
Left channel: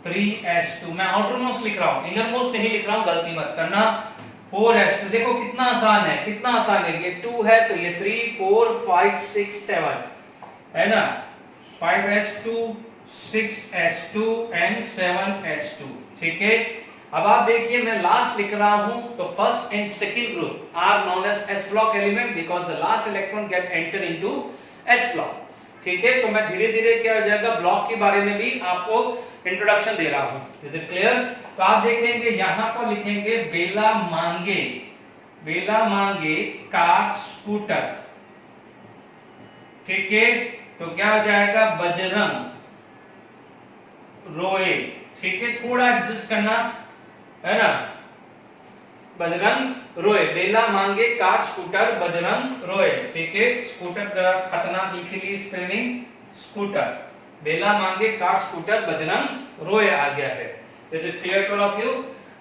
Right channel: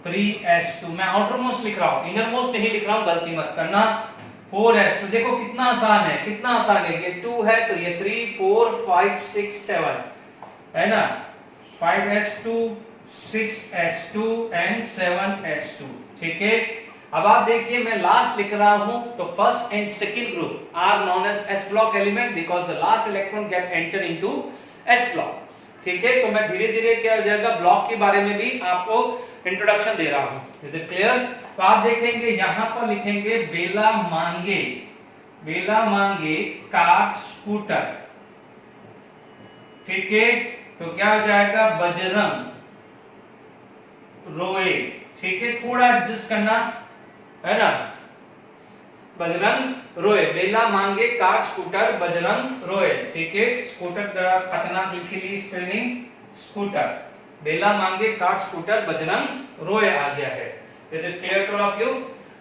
3s2। मैं आउटर मोस्ट लिख रहा हूं, इनर मोस्ट नहीं लिख रहा हूं, गलती मत करना। 4s2, देखो कितना आसान है, कितना आसान है। ये 2 है तो ये 3 4 5 6 7 है ना, 5s2 6s2 एंड 7s2। ठीक है, अब आप देखिए मैं लास्ट लिख रहा हूं तो first and second group are known as s block element because the last electron get enter into s block. ठीक है, तो मैं धीरे धीरे क्या हो जाएगा, ब्लॉक के बारे में भी आपको इंट्रोडक्शन दे रहा हूं। Is it clear? तो आप देखेंगे यहां पर लिखेंगे बेला मांगे, बेला मांगे कार स्कूटर। ठीक है, तो क्या हो जाएगा, बजरंग रोए। ठीक है, थोड़ा एडजस्ट करना है ना, बजरंग रोए, बेला मांगे कार स्कूटर बजरंग रोए। ठीक है, स्कूटर जरा खतरनाक लिखी ली स्पेलिंग, स्कूटर, बेला मांगे कार स्कूटर बजरंग रोए आ गया है। It is clear to all of you?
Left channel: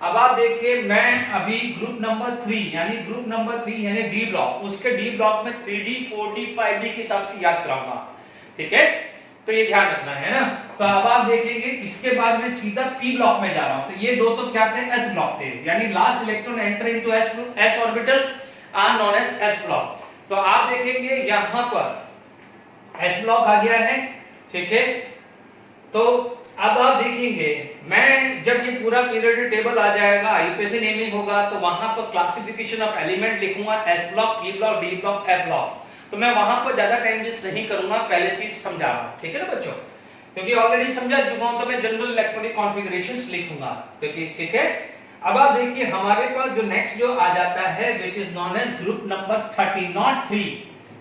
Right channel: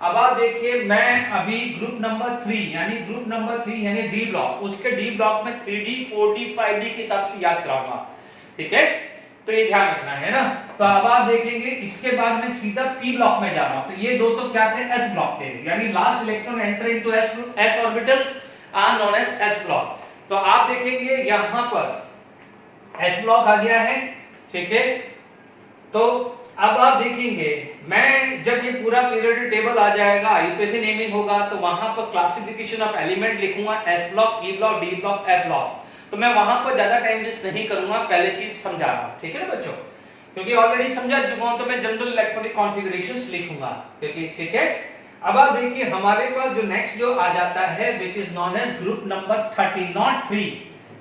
अब आप देखिए मैं अभी ग्रुप नंबर 3 यानी ग्रुप नंबर 3 यानी डी ब्लॉक, उसके डी ब्लॉक में 3D 4D 5D के हिसाब से याद कराऊंगा। ठीक है, तो ये ध्यान रखना है ना। तो अब आप देखेंगे इसके बाद में सीधा पी ब्लॉक में जा रहा हूं, तो ये दो तो क्या थे, एस ब्लॉक थे, यानी last electron enter into s orbital are known as s block. तो आप देखेंगे यहां पर एस ब्लॉक आ गया है। ठीक है, तो अब आप देखेंगे मैं जब ये पूरा पीरियोडिक टेबल आ जाएगा, आईयूपीएसी नेमिंग होगा, तो वहां पर क्लासिफिकेशन ऑफ एलिमेंट लिखूंगा, S block, P block, D block, F block. तो मैं वहां पर ज्यादा टाइम वेस्ट नहीं करूंगा, पहले चीज समझा रहा हूं। ठीक है ना बच्चों, क्योंकि ऑलरेडी समझा चुका हूं, तो मैं जनरल इलेक्ट्रॉनिक कॉन्फ़िगरेशंस लिखूंगा। क्योंकि ठीक है, अब आप देखिए हमारे पास जो नेक्स्ट जो आ जाता है which is known age group number 30, not 3,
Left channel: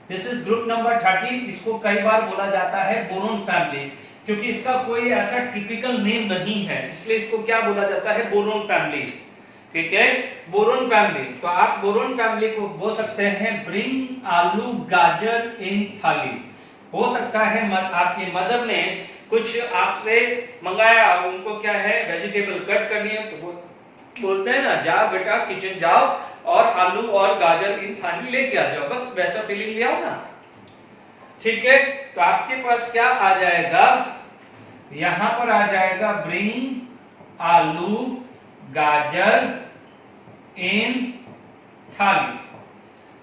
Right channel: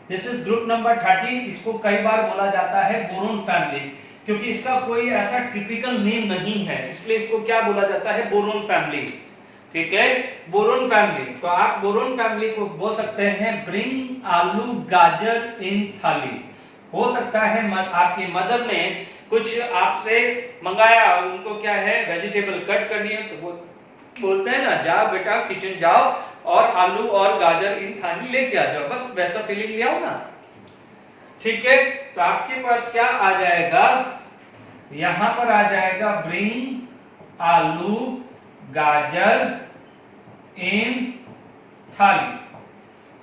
this is group number 30। इसको कई बार बोला जाता है बोरोन फैमिली, क्योंकि इसका कोई ऐसा टिपिकल नेम नहीं है, इसलिए इसको क्या बोला जाता है, बोरोन फैमिली। ठीक है, बोरोन फैमिली। तो आप बोरोन फैमिली को बोल सकते हैं ब्रिंग आलू गाजर इन थाली। हो सकता है आपकी मदर ने कुछ आपसे मंगाया, उनको क्या है वेजिटेबल कट करनी है, तो वो बोलते हैं ना, जाओ बेटा किचन जाओ और आलू और गाजर इन थाली लेके आ जाओ, बस वैसा फीलिंग ले आओ ना। ठीक है, तो आपके पास क्या आ जाएगा, यहां पर आ जाएगा ब्रिंग आलू गाजर इन थाली,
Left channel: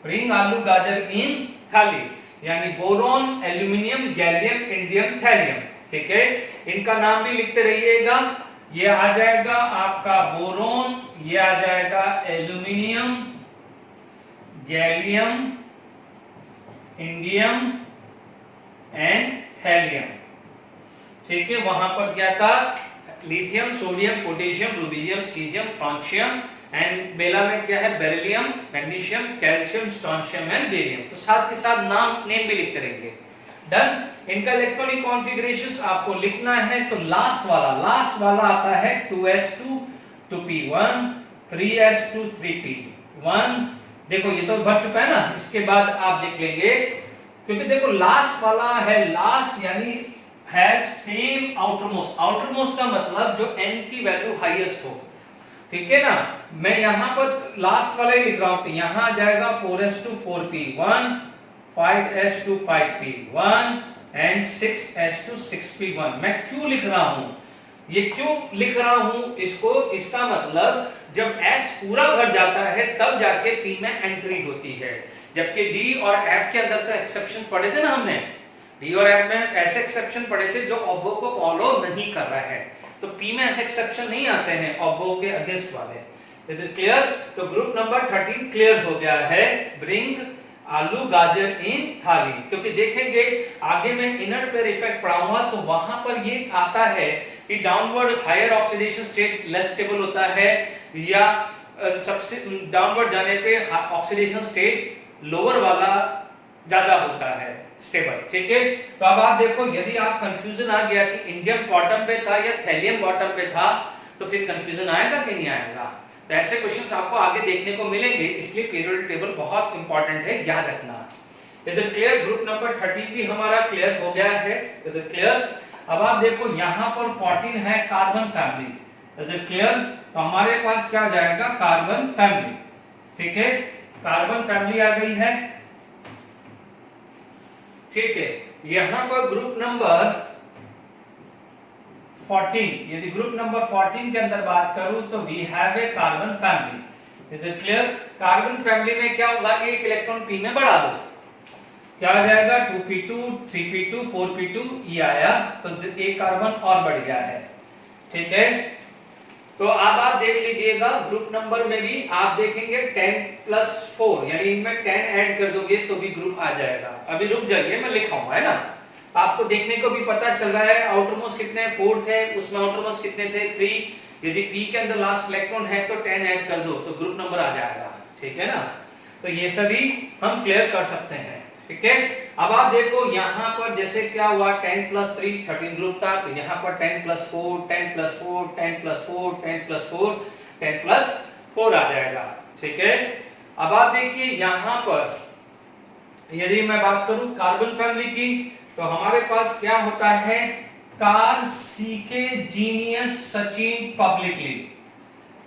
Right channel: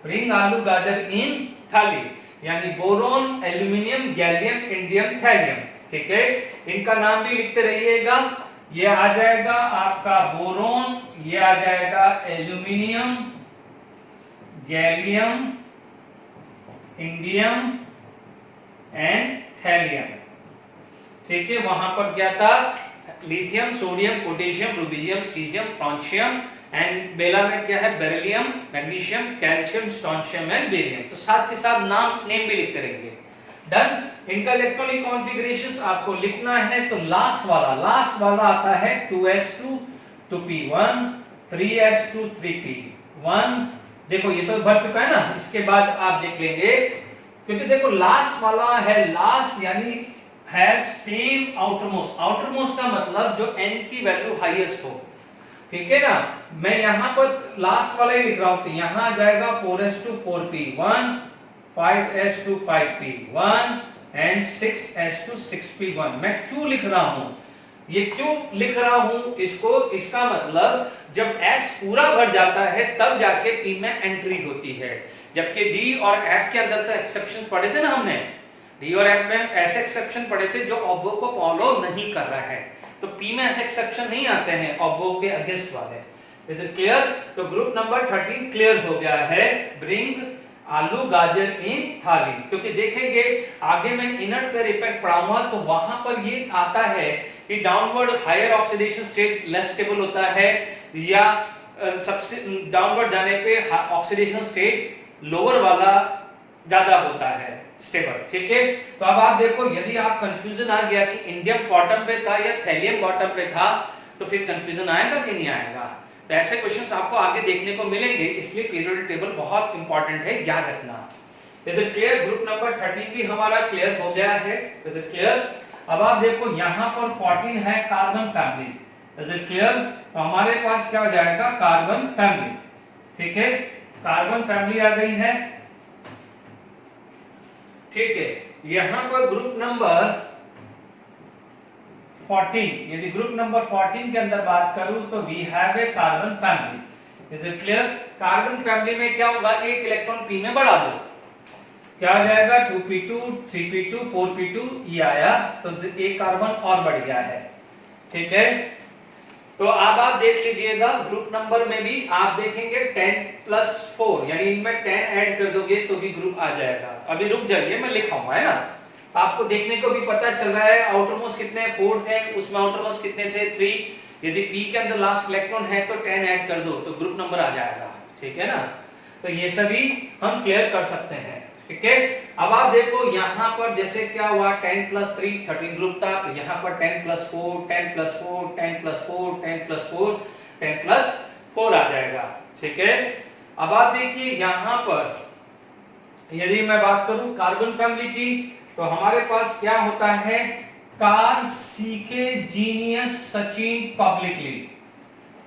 ब्रिंग आलू गाजर इन थाली, यानी boron, aluminium, gallium, indium, thallium. ठीक है, इनका नाम भी लिखते रहिएगा। ये आ जाएगा आपका बोरोन, ये आ जाएगा aluminium, gallium, indium and thallium. ठीक है, वहां पर क्या था, lithium, sodium, potassium, rubidium, caesium, francium and बेला में क्या है, beryllium, magnesium, calcium, strontium and barium. तो साथ के साथ नेम भी लिखते रहेंगे। डन। इनका इलेक्ट्रॉनिक कॉन्फ़िगरेशंस आपको लिखना है, तो लास्ट वाला आता है 2s2 2p1 3s2 3p1। देखो ये तो भर चुका है ना, इसके बाद आप देख लेंगे, क्योंकि देखो लास्ट वाला है, लास्ट यानी हैव सेम आउटरमोस्ट। आउटरमोस्ट का मतलब जो n की वैल्यू हाईएस्ट हो। ठीक है ना, मैं यहां पर लास्ट वाला ही लिख रहा हूं, तो यहां आ जाएगा 4s2 4p1 5s2 5p1 and 6s2 6p1। मैं क्यों लिख रहा हूं, ये क्यों लिख रहा हूं इसको, इसका मतलब जब s पूरा भर जाता है तब जाके p में एंट्री होती है, जबकि d और f के अंदर तो एक्सेप्शन पढ़े थे ना हमने, डी और एफ में ऐसे एक्सेप्शन पढ़े थे जो ऑब्वो को फॉलो नहीं कर रहा है, तो पी में ऐसे एक्सेप्शन नहीं आते हैं ऑब्वो के अगेंस्ट वाले। It is clear? तो ग्रुप नंबर 13 क्लियर हो गया है, ब्रिंग आलू गाजर इन थाली। क्योंकि देखेंगे आगे मैं इनर पेयर इफेक्ट पढ़ाऊंगा, तो वहां पर ये आता है कि downward higher oxidation state less stable होता है, या सबसे डाउनवर्ड जाने पे ऑक्सीडेशन स्टेट लोअर वाला ज्यादा होता है स्टेबल। ठीक है, तो अब आप देखो, यदि आप कंफ्यूजन आ गया कि इंडियम बॉटम पे था या थैलियम बॉटम पे था, तो फिर कंफ्यूजन आएगा कि नहीं आएगा। तो ऐसे क्वेश्चंस आपको आगे देखने को मिलेंगे, इसलिए पीरियोडिक टेबल बहुत इंपॉर्टेंट है, याद रखना। इधर क्लियर, ग्रुप नंबर 13 भी हमारा क्लियर हो गया है। इधर क्लियर। अब आप देखो यहाँ पर 14 है कार्बन फैमिली, इधर क्लियर। तो हमारे पास क्या हो जाएगा, कार्बन फैमिली। ठीक है, कार्बन फैमिली आ गई है। ठीक है, यहां पर ग्रुप नंबर 14, यदि ग्रुप नंबर 14 के अंदर बात करूं तो we have a carbon family. Is it clear? Carbon family में क्या होगा, एक इलेक्ट्रॉन पी में बढ़ा दो, क्या आ जाएगा 2p2 3p2 4p2, ये आया तो एक कार्बन और बढ़ गया है। ठीक है, तो अब आप देख लीजिएगा ग्रुप नंबर में भी आप देखेंगे 10+4, यानी इनमें 10 ऐड कर दोगे तो भी ग्रुप आ जाएगा। अभी रुक जाइए, मैं लिखाऊंगा, है ना, आपको देखने को भी पता चल रहा है। आउटरमोस्ट कितने 4 थे, उसमें आउटरमोस्ट कितने थे 3। यदि पी के अंदर लास्ट इलेक्ट्रॉन है तो 10 ऐड कर दो तो ग्रुप नंबर आ जाएगा। ठीक है ना, तो ये सभी हम क्लियर कर सकते हैं। ठीक है, अब आप देखो यहाँ पर जैसे क्या हुआ 10+3 13 ग्रुप था, तो यहाँ पर 10+4 10+4 10+4 10+4 10+4 आ जाएगा। ठीक है, अब आप देखिए यहाँ पर यदि मैं बात करूं कार्बन फैमिली की, तो हमारे पास क्या होता है, Carl CK genius Sachin publicly.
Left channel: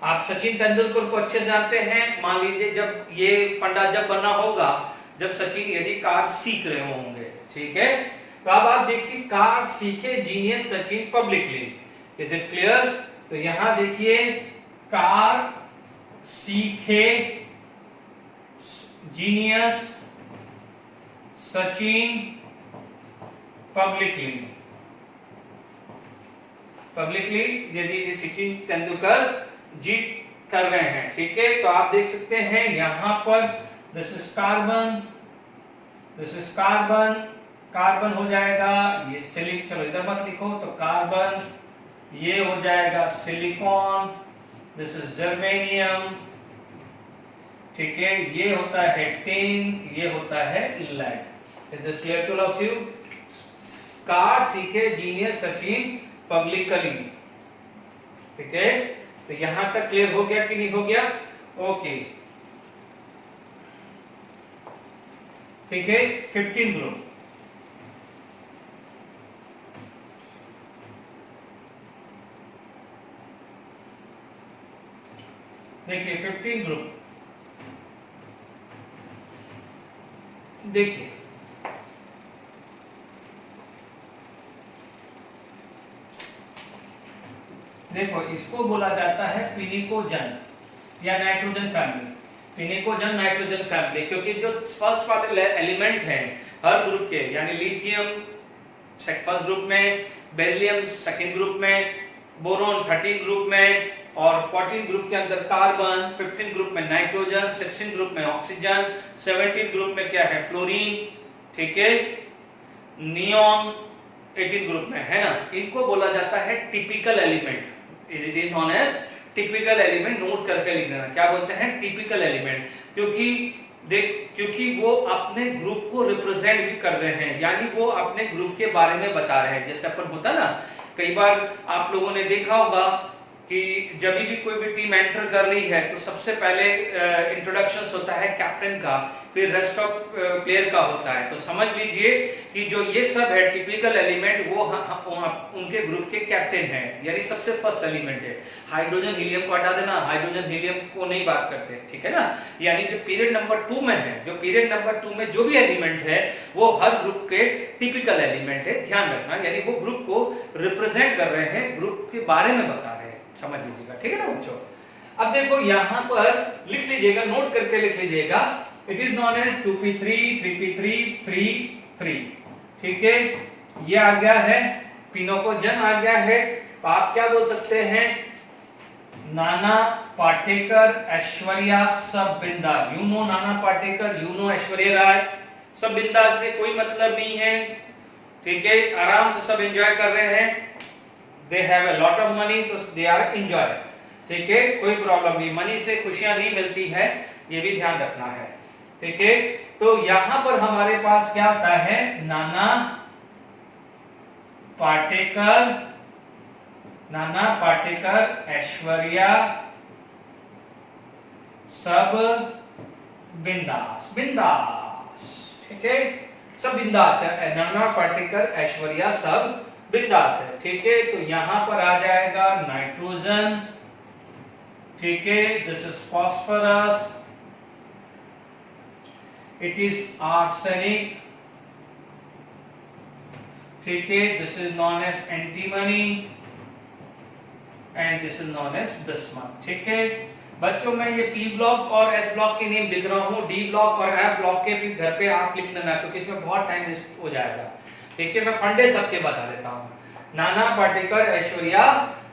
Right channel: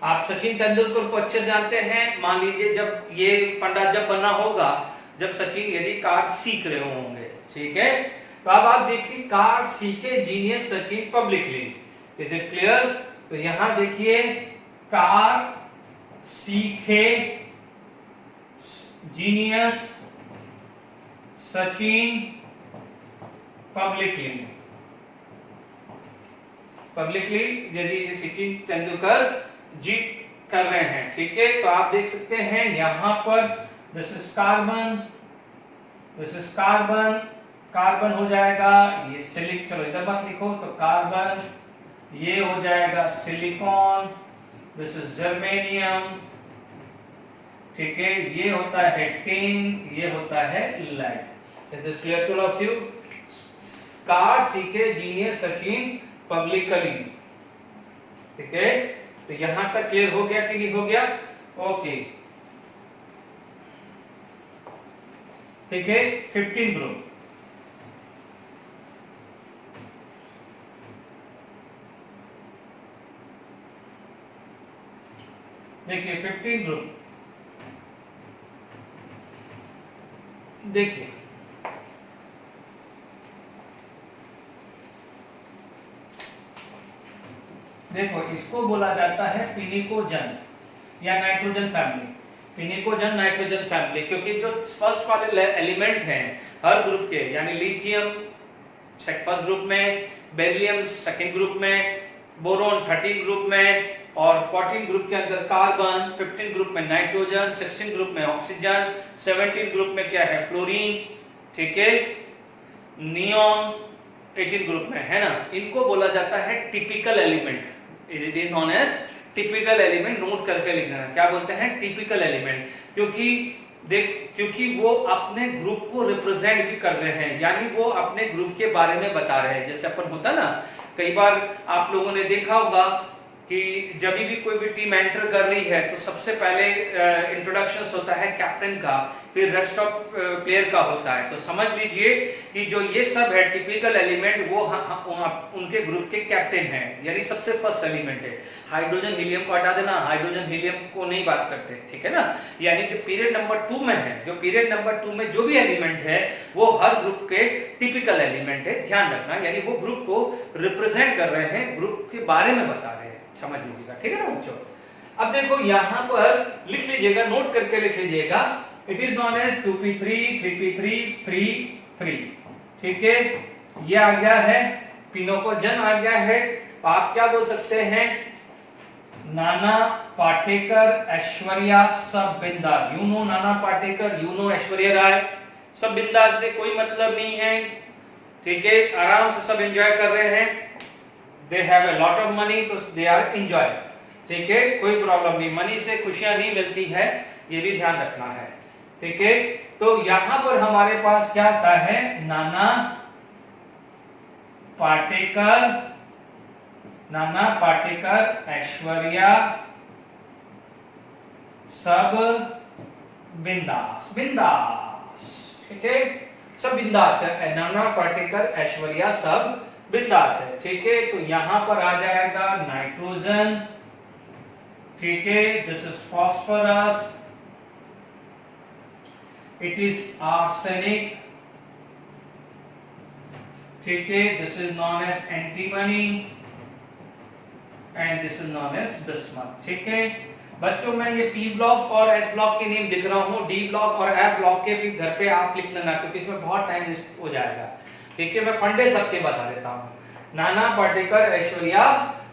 आप सचिन तेंदुलकर को अच्छे से जानते हैं। मान लीजिए जब ये फंडा जब बना होगा, जब सचिन यदि कार सीख रहे होंगे, ठीक है, तो अब आप देखिए कार सीखे genius Sachin publicly. Is it clear? तो यहां देखिए कार सीखे जीनियस सचिन पब्लिकली, पब्लिकली यदि सचिन तेंदुलकर जी कर रहे हैं। ठीक है, तो आप देख सकते हैं यहां पर this is carbon, this is carbon, carbon हो जाएगा ये सिलिक, चलो इधर मत लिखो, तो कार्बन, ये हो जाएगा सिलिकॉन, दिस इज जर्मेनियम। ठीक है, ये होता है टिन, ये होता है lead. Is it clear to all of you? Carl CK genius Sachin publicly. ठीक है, तो यहां तक क्लियर हो गया कि नहीं हो गया? ओके, ठीक है। 15 ग्रुप, देखिए 15 ग्रुप, देखिए देखो इसको बोला जाता है पिनिकोजन या नाइट्रोजन फैमिली। पिनिकोजन नाइट्रोजन फैमिली, क्योंकि जो फर्स्ट वाले एलिमेंट हैं हर ग्रुप के, यानी लिथियम फर्स्ट ग्रुप में, बेरिलियम सेकंड ग्रुप में, बोरोन 13 ग्रुप में, और 14 ग्रुप के अंदर कार्बन, 15 ग्रुप में नाइट्रोजन, 16 ग्रुप में ऑक्सीजन, 17 ग्रुप में क्या है फ्लोरीन, ठीक है, नियॉन 18 ग्रुप में, है ना। इनको बोला जाता है typical element. It is known as typical element. Note करके लिख लेना, क्या बोलते हैं, टिपिकल एलिमेंट। क्योंकि वो अपने ग्रुप को रिप्रेजेंट भी कर रहे हैं, यानी वो अपने ग्रुप के बारे में बता रहे हैं। जैसे अपन होता ना, कई बार आप लोगों ने देखा होगा कि जब भी कोई भी टीम एंटर कर रही है तो सबसे पहले इंट्रोडक्शन होता है कैप्टन का, फिर रेस्ट ऑफ प्लेयर का होता है। तो समझ लीजिए कि जो ये सब है टिपिकल एलिमेंट, वो उनके ग्रुप के कैप्टन हैं, यानी सबसे फर्स्ट एलिमेंट है। हाइड्रोजन हीलियम को हटा देना, हाइड्रोजन हीलियम को नहीं बात करते, ठीक है ना। यानी जो पीरियड नंबर 2 में है, जो पीरियड नंबर 2 में जो भी एलिमेंट है वो हर ग्रुप के टिपिकल एलिमेंट है, ध्यान रखना। यानी वो ग्रुप को रिप्रेजेंट कर रहे हैं, ग्रुप के बारे में बता रहे हैं, समझ लीजिएगा, ठीक है ना बच्चों। अब देखो यहां पर लिख लीजिएगा, नोट करके लिख लीजिएगा, it is known as 2p3 3p3 3 ठीक है। ये आ गया है, पिनोकोजन आ गया है। तो आप क्या बोल सकते हैं, नाना पाटेकर, ऐश्वर्या सब बिंदास। You know Nana Patekar, you know Aishwarya Rai. सब बिंदास से कोई मतलब नहीं है, ठीक है, आराम से सब एंजॉय कर रहे हैं। They have a lot of money, तो दे आर एंजॉय, ठीक है, कोई प्रॉब्लम नहीं। मनी से खुशियां नहीं मिलती है, ये भी ध्यान रखना है, ठीक है। तो यहां पर हमारे पास क्या आता है, नाना पाटेकर नाना पाटेकर, ऐश्वर्या सब बिंदास, बिंदास, ठीक है, सब बिंदास है। नाना पाटेकर, ऐश्वर्या सब बिंदास है, ठीक है। तो यहां पर आ जाएगा नाइट्रोजन, ठीक है, this is phosphorus, it is arsenic, ठीक है, this is known as antimony and this is known as bismuth, ठीक है। बच्चों मैं ये पी ब्लॉक और एस ब्लॉक के लिए लिख रहा हूँ, डी ब्लॉक और एफ ब्लॉक के फिर घर पे आप लिख लेना, क्योंकि इसमें बहुत टाइम वेस्ट हो जाएगा, ठीक है। मैं फंडे सबके बता देता हूँ, नाना पाटेकर, ऐश्वर्या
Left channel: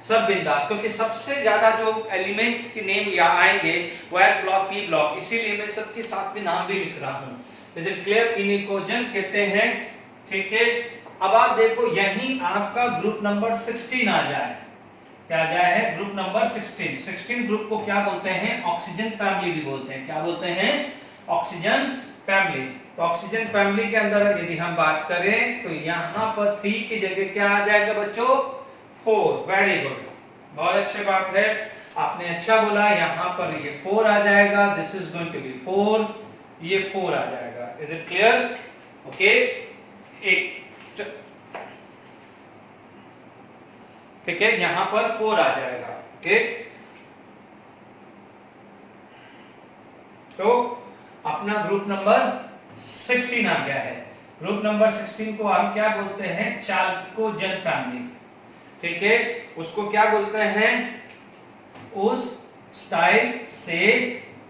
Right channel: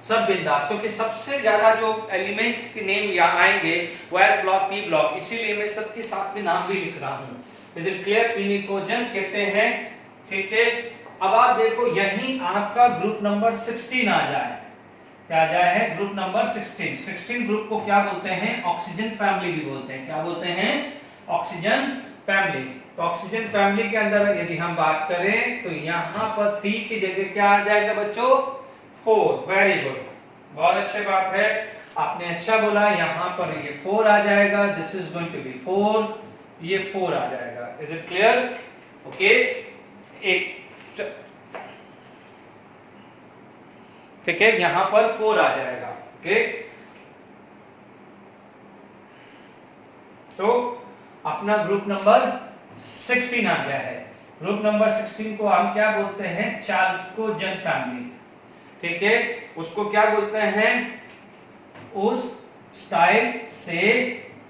सब बिंदास, क्योंकि सबसे ज्यादा जो एलिमेंट्स के नेम या आएंगे वो एस ब्लॉक, पी ब्लॉक, इसीलिए मैं सबके साथ में नाम भी लिख रहा हूँ। क्लियर, पिनिकोजन कहते हैं, ठीक है। अब आप देखो यही आपका ग्रुप नंबर 16 आ जाए, क्या आ जाए है ग्रुप नंबर 16। 16 ग्रुप को क्या बोलते हैं, ऑक्सीजन फैमिली भी बोलते हैं, क्या बोलते हैं, ऑक्सीजन फैमिली। तो ऑक्सीजन फैमिली के अंदर यदि हम बात करें तो यहां पर 3 की जगह क्या आ जाएगा बच्चों, 4। वेरी गुड, बहुत अच्छी बात है, आपने अच्छा बोला, यहां पर ये 4 आ जाएगा, this is going to be 4, ये 4 आ जाएगा। Is it clear? ओके, एक ठीक है, यहां पर 4 आ जाएगा, ठीक। तो अपना ग्रुप नंबर 16 आ गया है। ग्रुप नंबर 16 को हम क्या बोलते हैं, चाल्कोजन फैमिली, ठीक है। उसको क्या बोलते हैं, उस स्टाइल से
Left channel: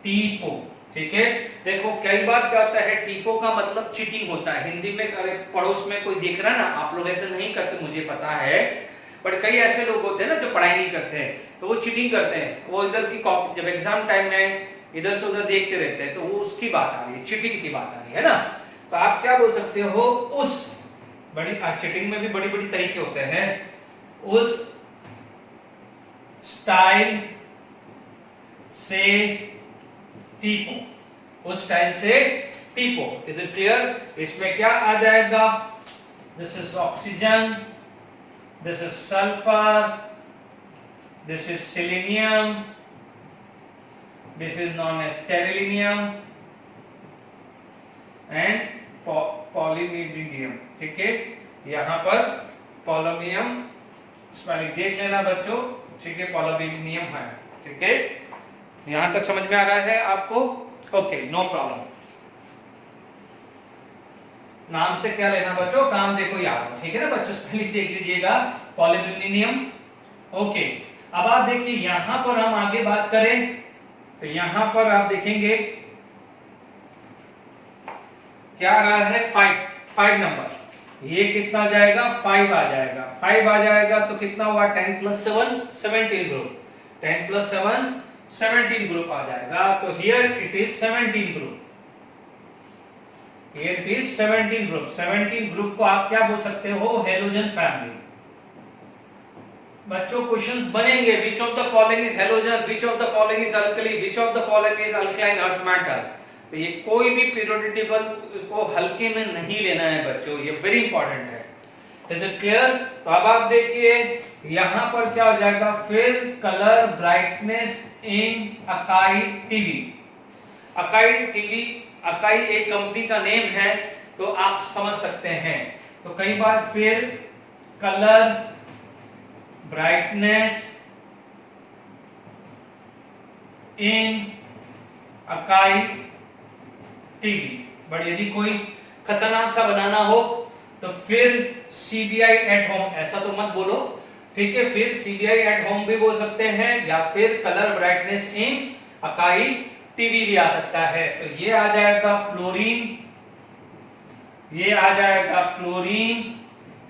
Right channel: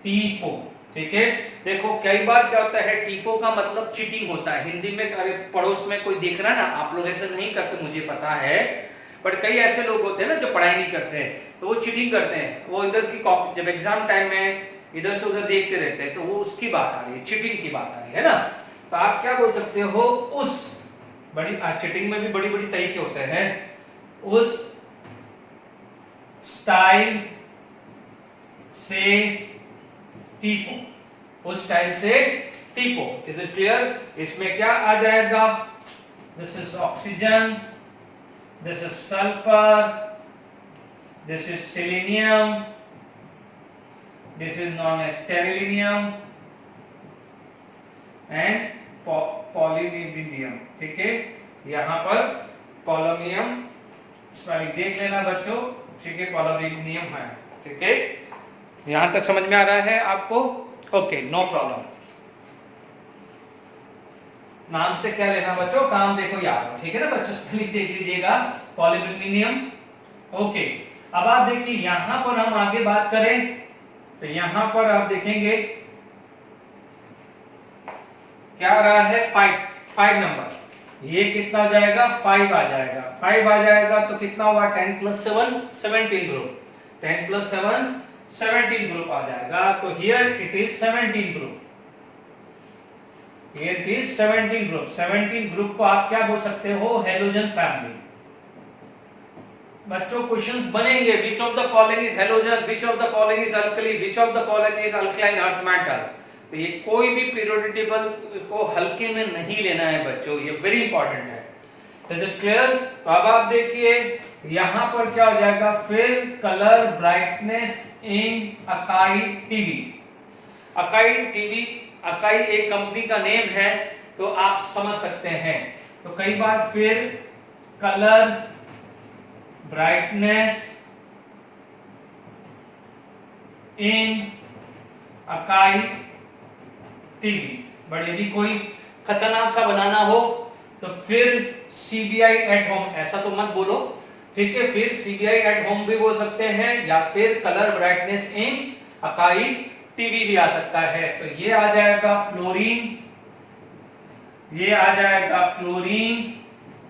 टीपो, ठीक है। देखो कई बार क्या होता है, टीपो का मतलब चीटिंग होता है हिंदी में। अरे पड़ोस में कोई देख रहा है ना, आप लोग ऐसे नहीं करते मुझे पता है, बट कई ऐसे लोग होते हैं ना जो पढ़ाई नहीं करते हैं, तो वो चीटिंग करते हैं, वो इधर की कॉपी जब एग्जाम टाइम में इधर से उधर देखते रहते हैं, तो वो उसकी बात आ रही है, चीटिंग की बात आ रही है ना। तो आप क्या बोल सकते हो, उस बड़ी चीटिंग में भी बड़ी बड़ी तरीके होते हैं, उस स्टाइल से टीपो, उस स्टाइल से टीपो। Is it clear? इसमें क्या आ जाएगा, this is oxygen, this is sulfur, this is selenium, this is known as terrelium and polymeridium, ठीक है। यहां पर पोलोमियम स्पेलिंग देख लेना बच्चों, ठीक है, पोलोमियम है, ठीक है। यहां तक समझ में आ रहा है आपको? Okay, no problem. नाम से क्या लेना बच्चों, काम देखो याद, ठीक है ना बच्चों, स्पेलिंग देख लीजिएगा, पॉलीमिलिनियम। ओके, अब आप देखिए यहां पर हम आगे बात करें तो यहां पर आप देखेंगे क्या आ रहा है, 5 नंबर, ये कितना आ जाएगा, 5 आ जाएगा। 5 आ जाएगा तो कितना हुआ, 10 + 7 17 ग्रुप, 10 + 7 17 ग्रुप आ जाएगा। तो here it is 17 group, Here it is 17 group. 17 group को आप क्या बोल सकते हो, हेलोजन फैमिली। बच्चों क्वेश्चंस बनेंगे, which of the following is halogen, which of the following is alkali, which of the following is alkaline earth metal। तो ये कोई भी पीरियोडिक टेबल को हल्के में नहीं लेना है बच्चों, ये वेरी इंपॉर्टेंट है। Is it clear? तो अब आप देखिए यहां पर क्या हो जाएगा, fill colour brightness in Akai TV. Akai TV, Akai एक कंपनी का नेम है, तो आप समझ सकते हैं। तो कई बार फिर colour brightness in Akai TV, but यदि कोई खतरनाक सा बनाना हो तो फिर सीबीआई एट होम, ऐसा तो मत बोलो, ठीक है, फिर सीबीआई एट होम भी बोल सकते हैं, या फिर colour brightness in Akai TV भी आ सकता है। तो ये आ जाएगा फ्लोरीन, ये आ जाएगा क्लोरीन,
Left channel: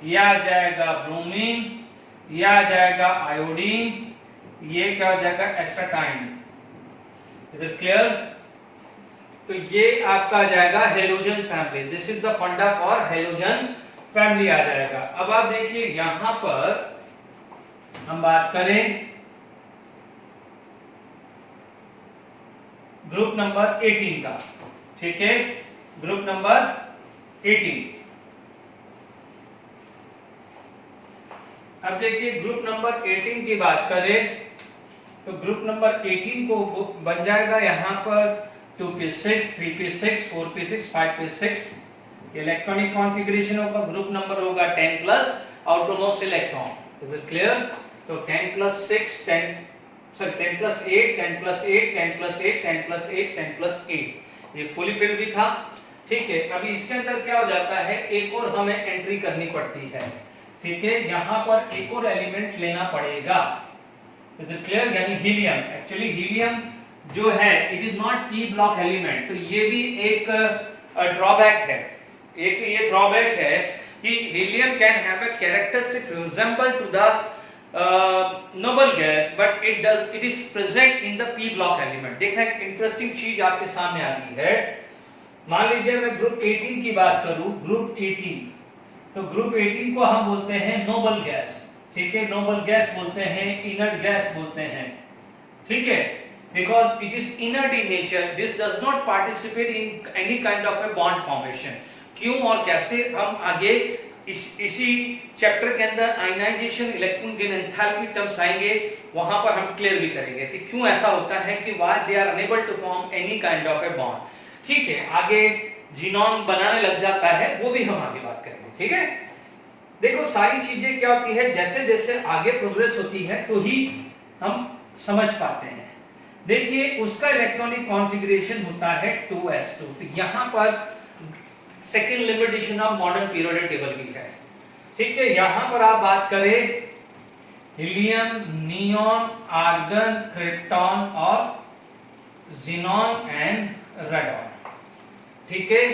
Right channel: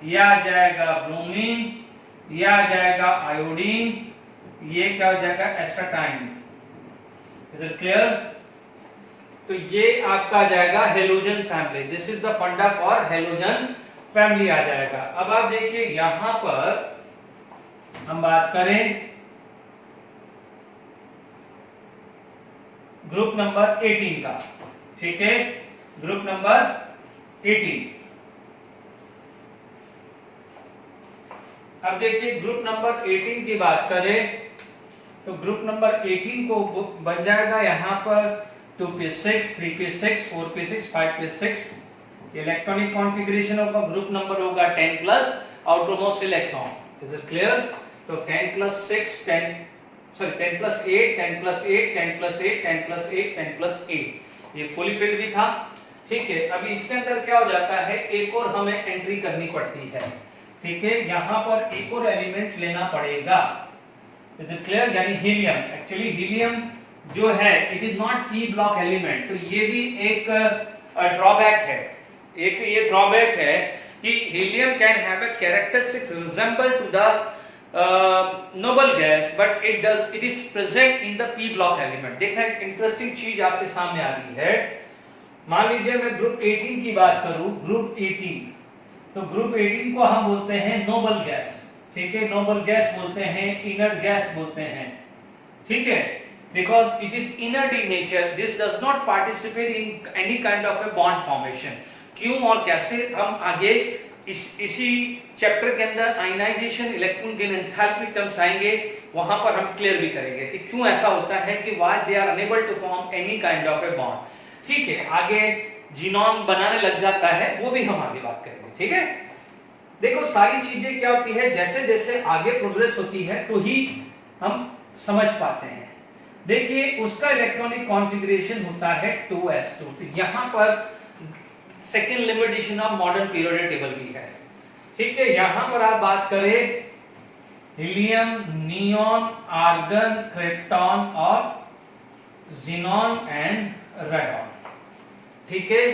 ये आ जाएगा ब्रोमीन, ये आ जाएगा आयोडीन, ये क्या हो जाएगा, एस्टाटाइन। Is it clear? तो ये आपका आ जाएगा halogen family. This is the फंडा फॉर हेलोजन फैमिली आ जाएगा। अब आप देखिए यहां पर हम बात करें ग्रुप नंबर 18 का, ठीक है, ग्रुप नंबर 18। अब देखिए ग्रुप नंबर 18 की बात करें तो ग्रुप नंबर 18 को बन जाएगा यहाँ पर 2p6, 3p6, 4p6, 5p6 electronic configuration होगा। ग्रुप नंबर होगा 10 plus outermost electron. Is it clear? तो 10 plus 6 10 plus 8 10 plus 8 10 plus 8 10 plus 8 10 plus 8 ये फुली फिल्ड भी था। ठीक है, अभी इसके अंदर क्या हो जाता है, एक और हमें एंट्री करनी पड़ती है। ठीक है, यहाँ पर एक और एलिमेंट लेना पड़ेगा। Is it clear? यानी हीलियम। एक्चुअली हीलियम जो है it is not P block element, तो ये भी एक ड्रॉबैक है। एक ये ड्रॉबैक है कि helium can have a characteristics resemble to the noble gas but it is present in the p block element. देखना एक इंटरेस्टिंग चीज आपके सामने आ रही है। मान लीजिए मैं ग्रुप 18 की बात करूं, ग्रुप 18, तो ग्रुप 18 को हम बोलते हैं नोबल गैस। ठीक है, नोबल गैस बोलते हैं, इनर्ट गैस बोलते हैं। ठीक है, because it is inert in nature, this does not participate in any kind of a bond formation. क्यों और कैसे हम आगे इसी चैप्टर के अंदर ionization, electron gain, enthalpy terms आएंगे, वहां पर हम क्लियर भी करेंगे कि क्यों ऐसा होता है कि why they are unable to form any kind of a bond. ठीक है, आगे जीनोम बनाने लग जाता है, वो भी हम आगे बात करेंगे। ठीक है, देखो सारी चीजें क्या होती है, जैसे जैसे आगे प्रोग्रेस होती है तो ही हम समझ पाते हैं। देखिए उसका इलेक्ट्रॉनिक कॉन्फ़िगरेशन होता है 2s2। तो यहां पर second limitation of modern periodic table भी है। ठीक है, यहां पर आप बात करें हीलियम, नियॉन, आर्गन, क्रिप्टॉन और ज़ीनॉन एंड रेडॉन। ठीक है,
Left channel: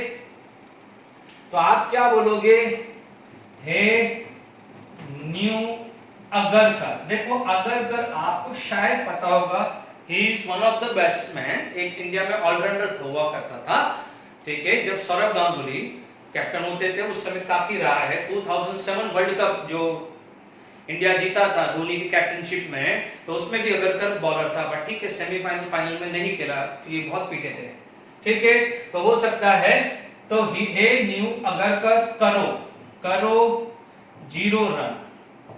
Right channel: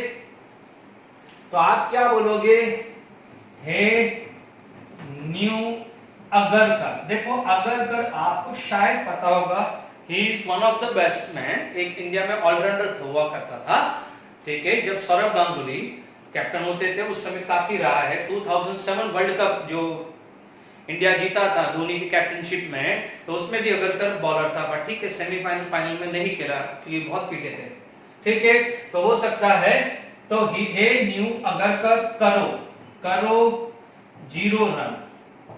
तो आप क्या बोलोगे, हे न्यू अगरकर। देखो अगरकर आपको शायद पता होगा, he is one of the batsman, एक इंडिया में ऑलराउंडर हुआ करता था। ठीक है, जब सौरभ गांगुली कैप्टन होते थे उस समय काफी रहा है। 2007 वर्ल्ड कप जो इंडिया जीता था धोनी की कैप्टनशिप में, तो उसमें भी अगरकर बॉलर था, बट ठीक है सेमीफाइनल फाइनल में नहीं खेला क्योंकि बहुत पीटे थे। ठीक है, तो हो सकता है तो हे न्यू अगरकर करो 0 रन,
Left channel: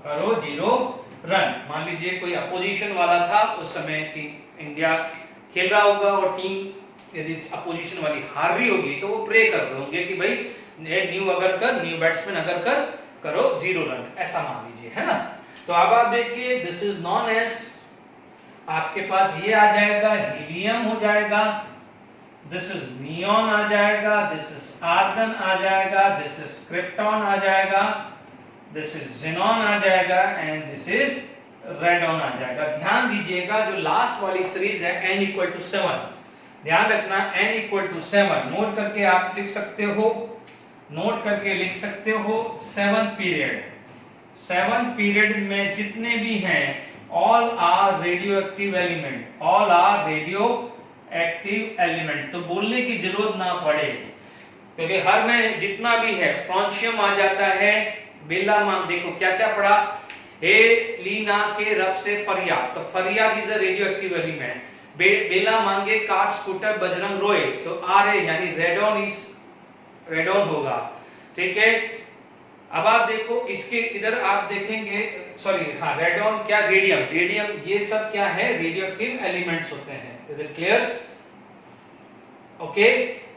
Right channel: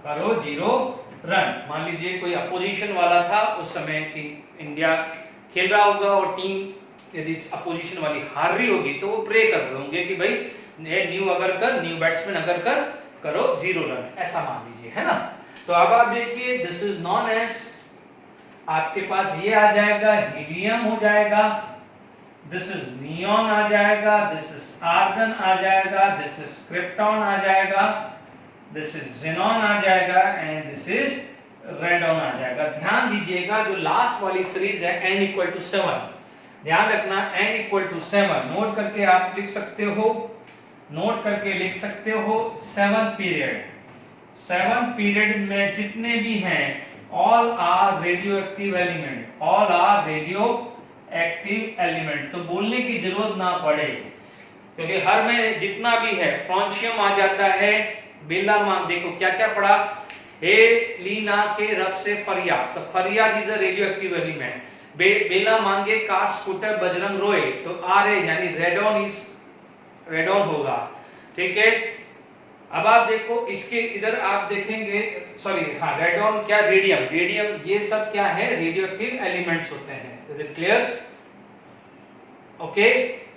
करो 0 रन। मान लीजिए कोई अपोजिशन वाला था उस समय, इंडिया खेल रहा होगा और टीम यदि अपोजिशन वाली हार रही होगी तो वो प्रे कर रहे होंगे कि भाई new Agarkar, new batsman Agarkar करो 0 रन, ऐसा मान लीजिए, है ना। तो अब आप देखिए दिस इज नॉन एज, आपके पास ये आ जाएगा हीलियम हो जाएगा, दिस इज नियॉन आ जाएगा, दिस इज आर्गन आ जाएगा, दिस इज क्रिप्टॉन आ जाएगा, दिस इज ज़ीनॉन आ जाएगा एंड दिस इज रेडॉन आ जाएगा। ध्यान दीजिएगा जो लास्ट वाली सीरीज है n = 7, ध्यान रखना n = 7 नोट करके आप लिख सकते हो, नोट करके लिख सकते हो। 7 पीरियड में जितने भी हैं all are radioactive element, all are radioactive element. तो बोलने की जरूरत ना पड़े क्योंकि हर में जितना भी है, फ्रांशियम आ जाता है, बेला मान, देखो क्या क्या पढ़ा, हे लीना के रब से फरिया, तो फरिया is a radioactive element. बेला मांगे कार स्कूटर बजरंग रोए, तो आर ए यानी रेडॉन होगा। ठीक है, अब आप देखो इसके इधर आप देखेंगे, सॉरी हाँ रेडॉन क्या, रेडियम, ये सब क्या है, रेडियो एक्टिव एलिमेंट्स होते हैं। Is it clear? ओके,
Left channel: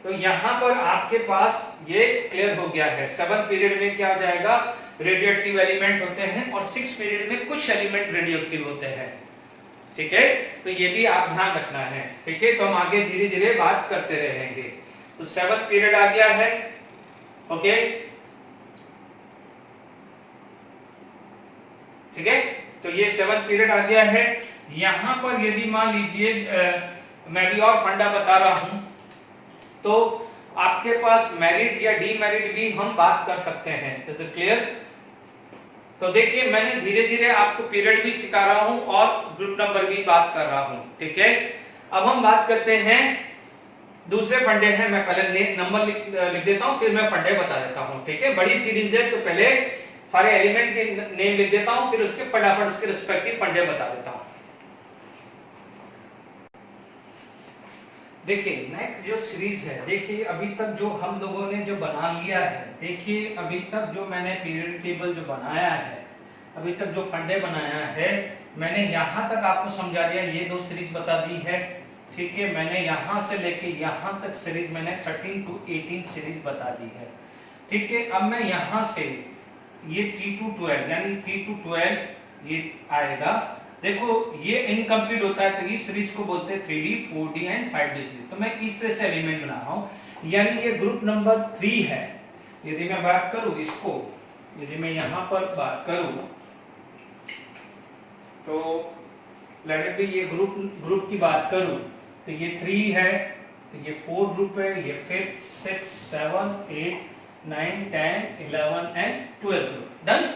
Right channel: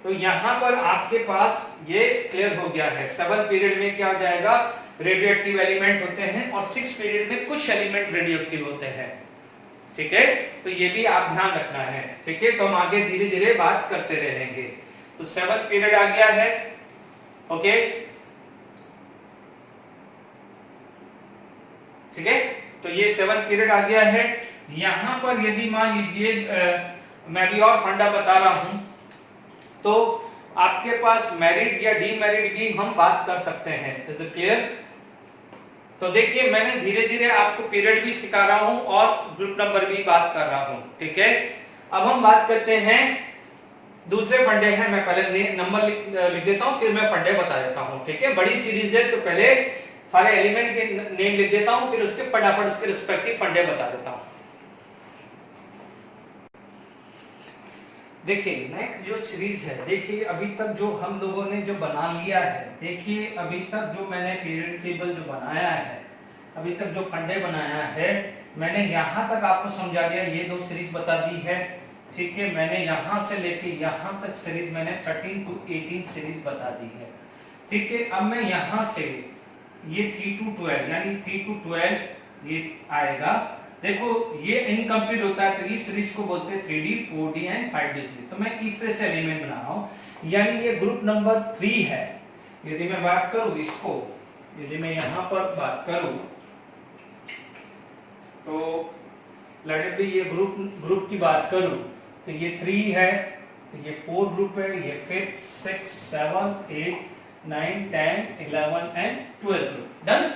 तो यहां पर आपके पास ये क्लियर हो गया है। 7 पीरियड में क्या हो जाएगा, रेडियो एक्टिव एलिमेंट होते हैं और 6 पीरियड में कुछ एलिमेंट रेडियो एक्टिव होते हैं। ठीक है, तो ये भी आप ध्यान रखना है। ठीक है, तो हम आगे धीरे धीरे बात करते रहेंगे। तो 7 पीरियड आ गया है। ओके, ठीक है, तो ये 7 पीरियड आ गया है। यहां पर यदि मान लीजिए मैं भी और फंडा बता रहा हूं, तो आपके पास मेरिट या डीमेरिट भी हम बात कर सकते हैं। Is it clear? तो देखिए मैंने धीरे धीरे आपको पीरियड भी सिखा रहा हूं और ग्रुप नंबर भी बात कर रहा हूं। ठीक है, अब हम बात करते हैं दूसरे फंडे हैं। मैं पहले नंबर लिख देता हूं, फिर मैं फंडे बता देता हूं। ठीक है, बड़ी सीरीज है तो पहले सारे एलिमेंट के नेम लिख देता हूं, फिर उसके फटाफट उसके रिस्पेक्टिव फंडे बता देता हूं। देखिए नेक्स्ट जो सीरीज है, देखिए अभी तक जो हम लोगों ने जो बना लिया है, देखिए अभी तक जो मैंने पीरियड टेबल जो बनाया है, अभी तक जो फंडे बनाया है मैंने यहां तक आपको समझा दिया, ये 2 सीरीज बता दी है, ठीक है। मैंने यहां से लेके यहां तक सीरीज मैंने 13 to 18 सीरीज बता दी है, ठीक है। अब मैं यहां से ये 3 to 12 यानी 3 to 12 ये आएगा। देखो ये इनकम्प्लीट होता है तो इस सीरीज को बोलते हैं 3D 4D and 5D series. तो मैं इस तरह से एलिमेंट बना रहा हूं, यानी ये ग्रुप नंबर 3 है। यदि मैं बात करूं इसको, यदि मैं यहां पर बात करूं तो लेट इट बी, ये ग्रुप की बात करूं तो ये 3 है, तो ये 4 ग्रुप है, ये 5th 6th 7th 8th 9th 10th 11th and 12 group. Done.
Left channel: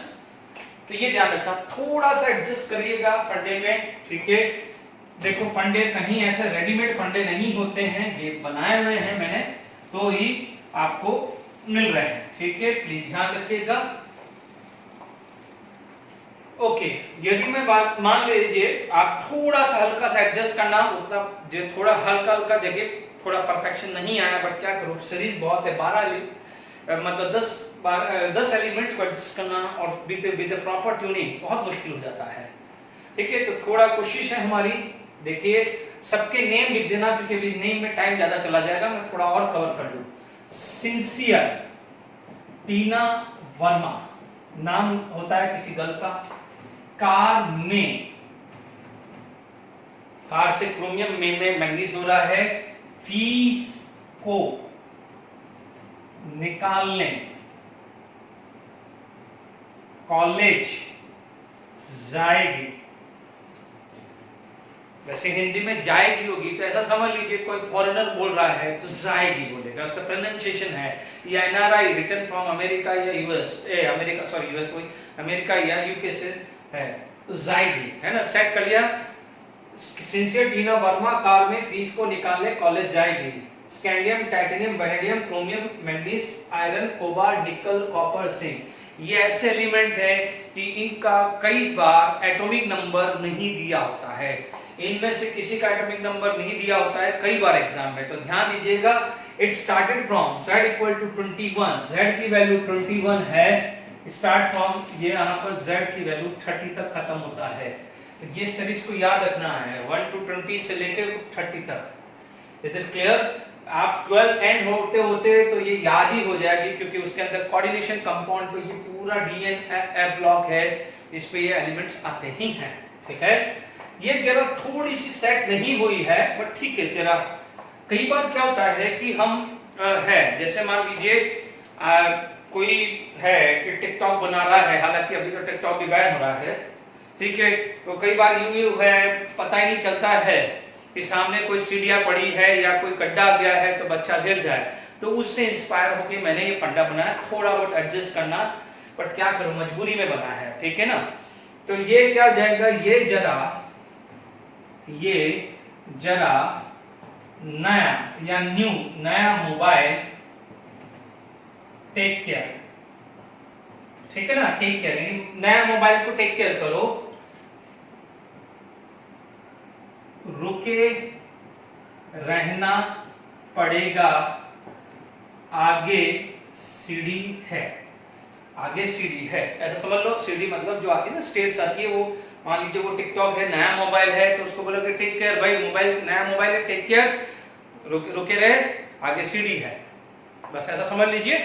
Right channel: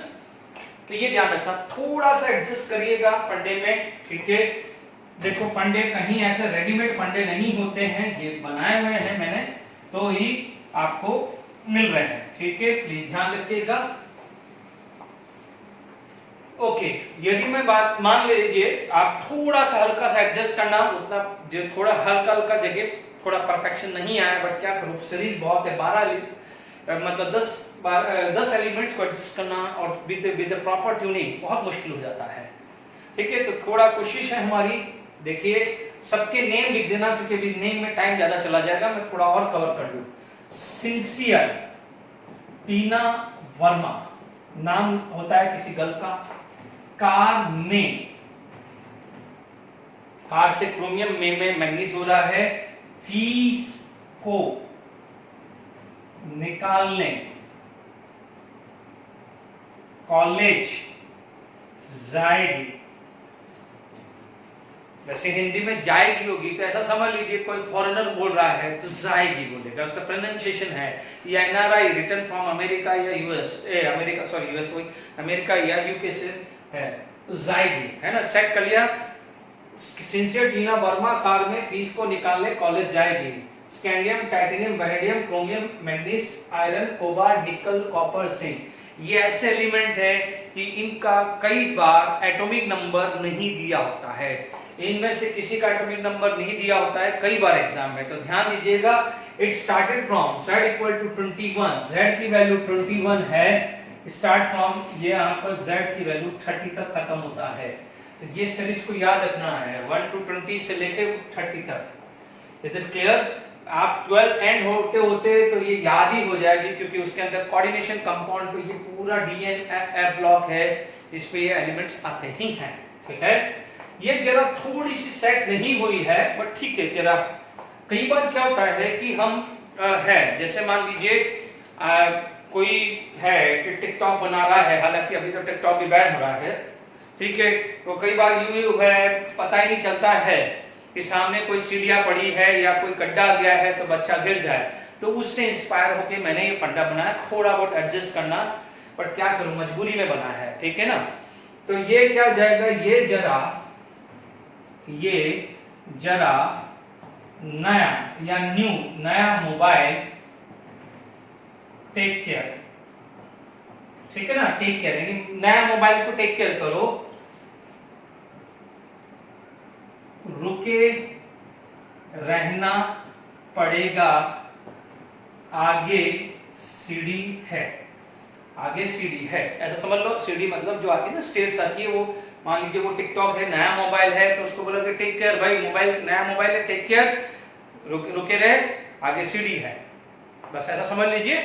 तो ये ध्यान रखना, थोड़ा सा एडजस्ट करिएगा फंडे में, ठीक है। देखो फंडे कहीं ऐसे रेडीमेड फंडे नहीं होते हैं, ये बनाए हुए हैं मैंने तो ही आपको मिल रहे हैं, ठीक है। प्लीज ध्यान रखिएगा। ओके, यदि मैं बात मान लीजिए आप थोड़ा सा हल्का सा एडजस्ट करना, उतना जो थोड़ा हल्का हल्का जगह थोड़ा परफेक्शन नहीं आया, बट क्या करूं सीरीज बहुत है, 12 मतलब 10 एलिमेंट्स को एडजस्ट करना और विद प्रॉपर ट्यूनिंग बहुत मुश्किल हो जाता है, ठीक है। तो थोड़ा कोशिश है हमारी, देखिए सबके नेम लिख देना क्योंकि अभी नेम में टाइम ज्यादा चला जाएगा, मैं थोड़ा और कवर कर लूं। सिंसियर टीना वर्मा नाम होता है किसी गर्ल का। कार में, कार से क्रोमियम में मैग्नीज हो रहा है। फीस को निकालने, कॉलेज जाएगी। वैसे हिंदी में जाएगी होगी तो ऐसा समझ लीजिए कोई फॉरेनर बोल रहा है तो जाएगी बोलेगा, उसका प्रोनाउंसिएशन है। या एनआरआई रिटर्न फ्रॉम अमेरिका या यूएस, अमेरिका सॉरी यूएस वही, अमेरिका या यूके से है तो जाएगी, है ना। चेक कर लिया। सिंसियर टीना वर्मा कार में फीस को निकालने कॉलेज जाएगी। Scandium titanium vanadium chromium manganese iron cobalt nickel copper zinc, ये ऐसे एलिमेंट है कि इनका कई बार एटॉमिक नंबर नहीं दिया होता है। इनमें से किसी का एटॉमिक नंबर नहीं दिया होता है कई बार एग्जाम में, तो ध्यान दीजिएगा। It started from z equal to 21, z की वैल्यू 21 है। स्टार्ट फ्रॉम, ये यहाँ पर z की वैल्यू 30 तक खत्म होता है। तो ये सीरीज को याद रखना है 1 to 20 से लेकर 30 तक। Is it clear? आप 12 एंड होते होते तो ये याद ही हो जाएगी क्योंकि उसके अंदर कोऑर्डिनेशन कंपाउंड पे ये पूरा डीएनए ब्लॉक है, इस पे ये एलिमेंट्स आते ही हैं, ठीक है। ये जरा थोड़ी सी सेट नहीं हुई है बट ठीक है। जरा कई बार क्या होता है कि हम है जैसे मान लीजिए कोई है कि टिकटॉक बना रहा है, हालांकि अभी तो टिकटॉक भी बैन हो रहा है, ठीक है। तो कई बार यूं है पता ही नहीं चलता है कि सामने कोई सीढ़ियां पड़ी है या कोई गड्ढा आ गया है तो बच्चा गिर जाए, तो उससे इंस्पायर होके मैंने ये फंडा बनाया। थोड़ा बहुत एडजस्ट करना, बट क्या करूं मजबूरी में बना है, ठीक है ना। तो ये क्या हो जाएगा, ये जरा नया या न्यू नया मोबाइल टेक केयर, ठीक है ना। टेक केयर यानी नया मोबाइल को टेक केयर करो। रुके रहना पड़ेगा, आगे सीढ़ी है। आगे सीढ़ी है ऐसा समझ लो। सीढ़ी मतलब जो आती है ना, स्टेयर्स आती है, वो मान लीजिए वो टिकटॉक है, नया मोबाइल है तो उसको बोलोगे टेक केयर भाई, मोबाइल नया मोबाइल है टेक केयर, रुके रहे, आगे सीढ़ी है, बस ऐसा समझ लीजिए।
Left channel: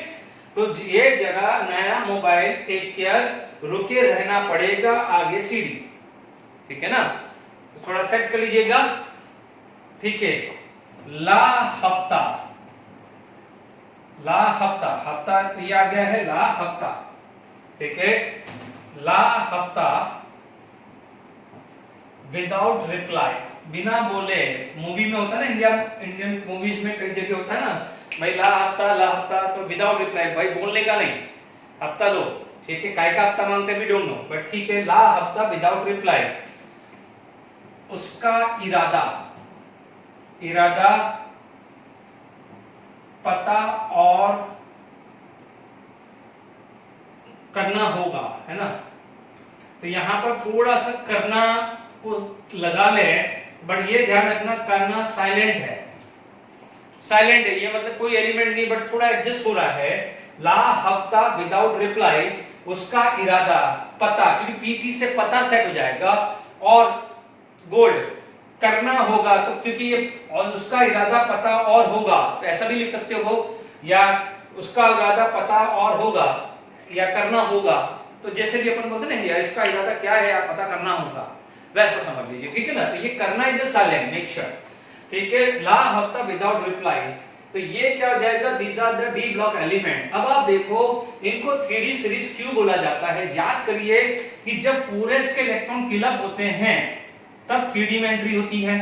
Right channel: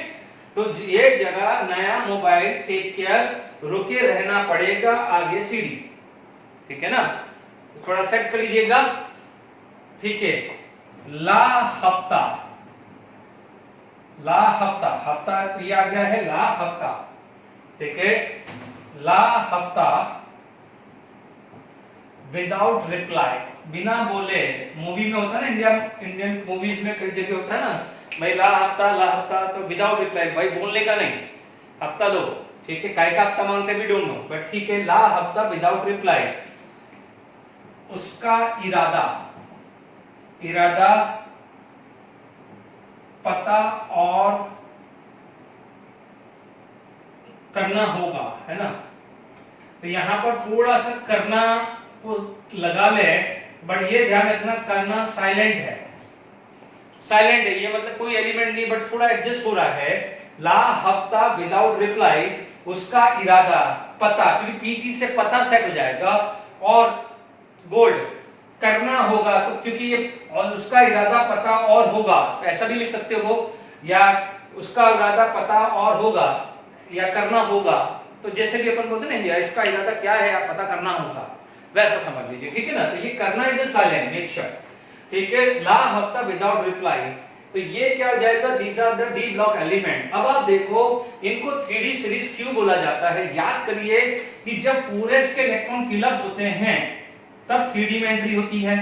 तो ये जगह नया मोबाइल टेक केयर, रुके रहना पड़ेगा, आगे सीढ़ी, ठीक है ना। तो थोड़ा सेट कर लीजिएगा, ठीक है। ला हफ्ता, हफ्ता ये आ गया है ला हफ्ता, ठीक है। ला हफ्ता विदाउट रिप्लाई, बिना बोले। मूवी में होता है ना, इंडियन मूवीज में कई जगह होता है ना भाई ला हफ्ता तो विदाउट रिप्लाई, भाई बोलने का नहीं, हफ्ता दो, ठीक है। काय का हफ्ता मांगते वी डोंट नो, बट ठीक है। ला हफ्ता विदाउट रिप्लाई, उसका इरादा पता और करना होगा, है ना। तो यहां पर थोड़ा सा करना को लगा ले, बट ये ध्यान रखना करना साइलेंट है, ये मतलब कोई एलिमेंट नहीं, बट थोड़ा एडजस्ट हो रहा है। ला हफ्ता विदाउट रिप्लाई, उसका इरादा पता, क्योंकि पीटी से पता सेट हो जाएगा और गोल्ड करना होगा, तो क्योंकि ये और उसका इरादा पता और होगा, तो ऐसा भी लिख सकते हो, या उसका इरादा पता और होगा या करना होगा, तो जैसे भी अपन बोलते हैं ना, इसका इरादा क्या है आप पता करना होगा, वैसा समझ लीजिए, ठीक है ना। तो ये करना is a silent, make sure, ठीक है। ला होता विदाउट रिप्लाई, तो ये क्या हो जाएगा, these are the d block element. अब आप देखो इनको 3D सीरीज क्यों बोला जाता है, याद करिए कि जब 4s के इलेक्ट्रॉन फिलअप होते हैं तब 3D में एंट्री होती है,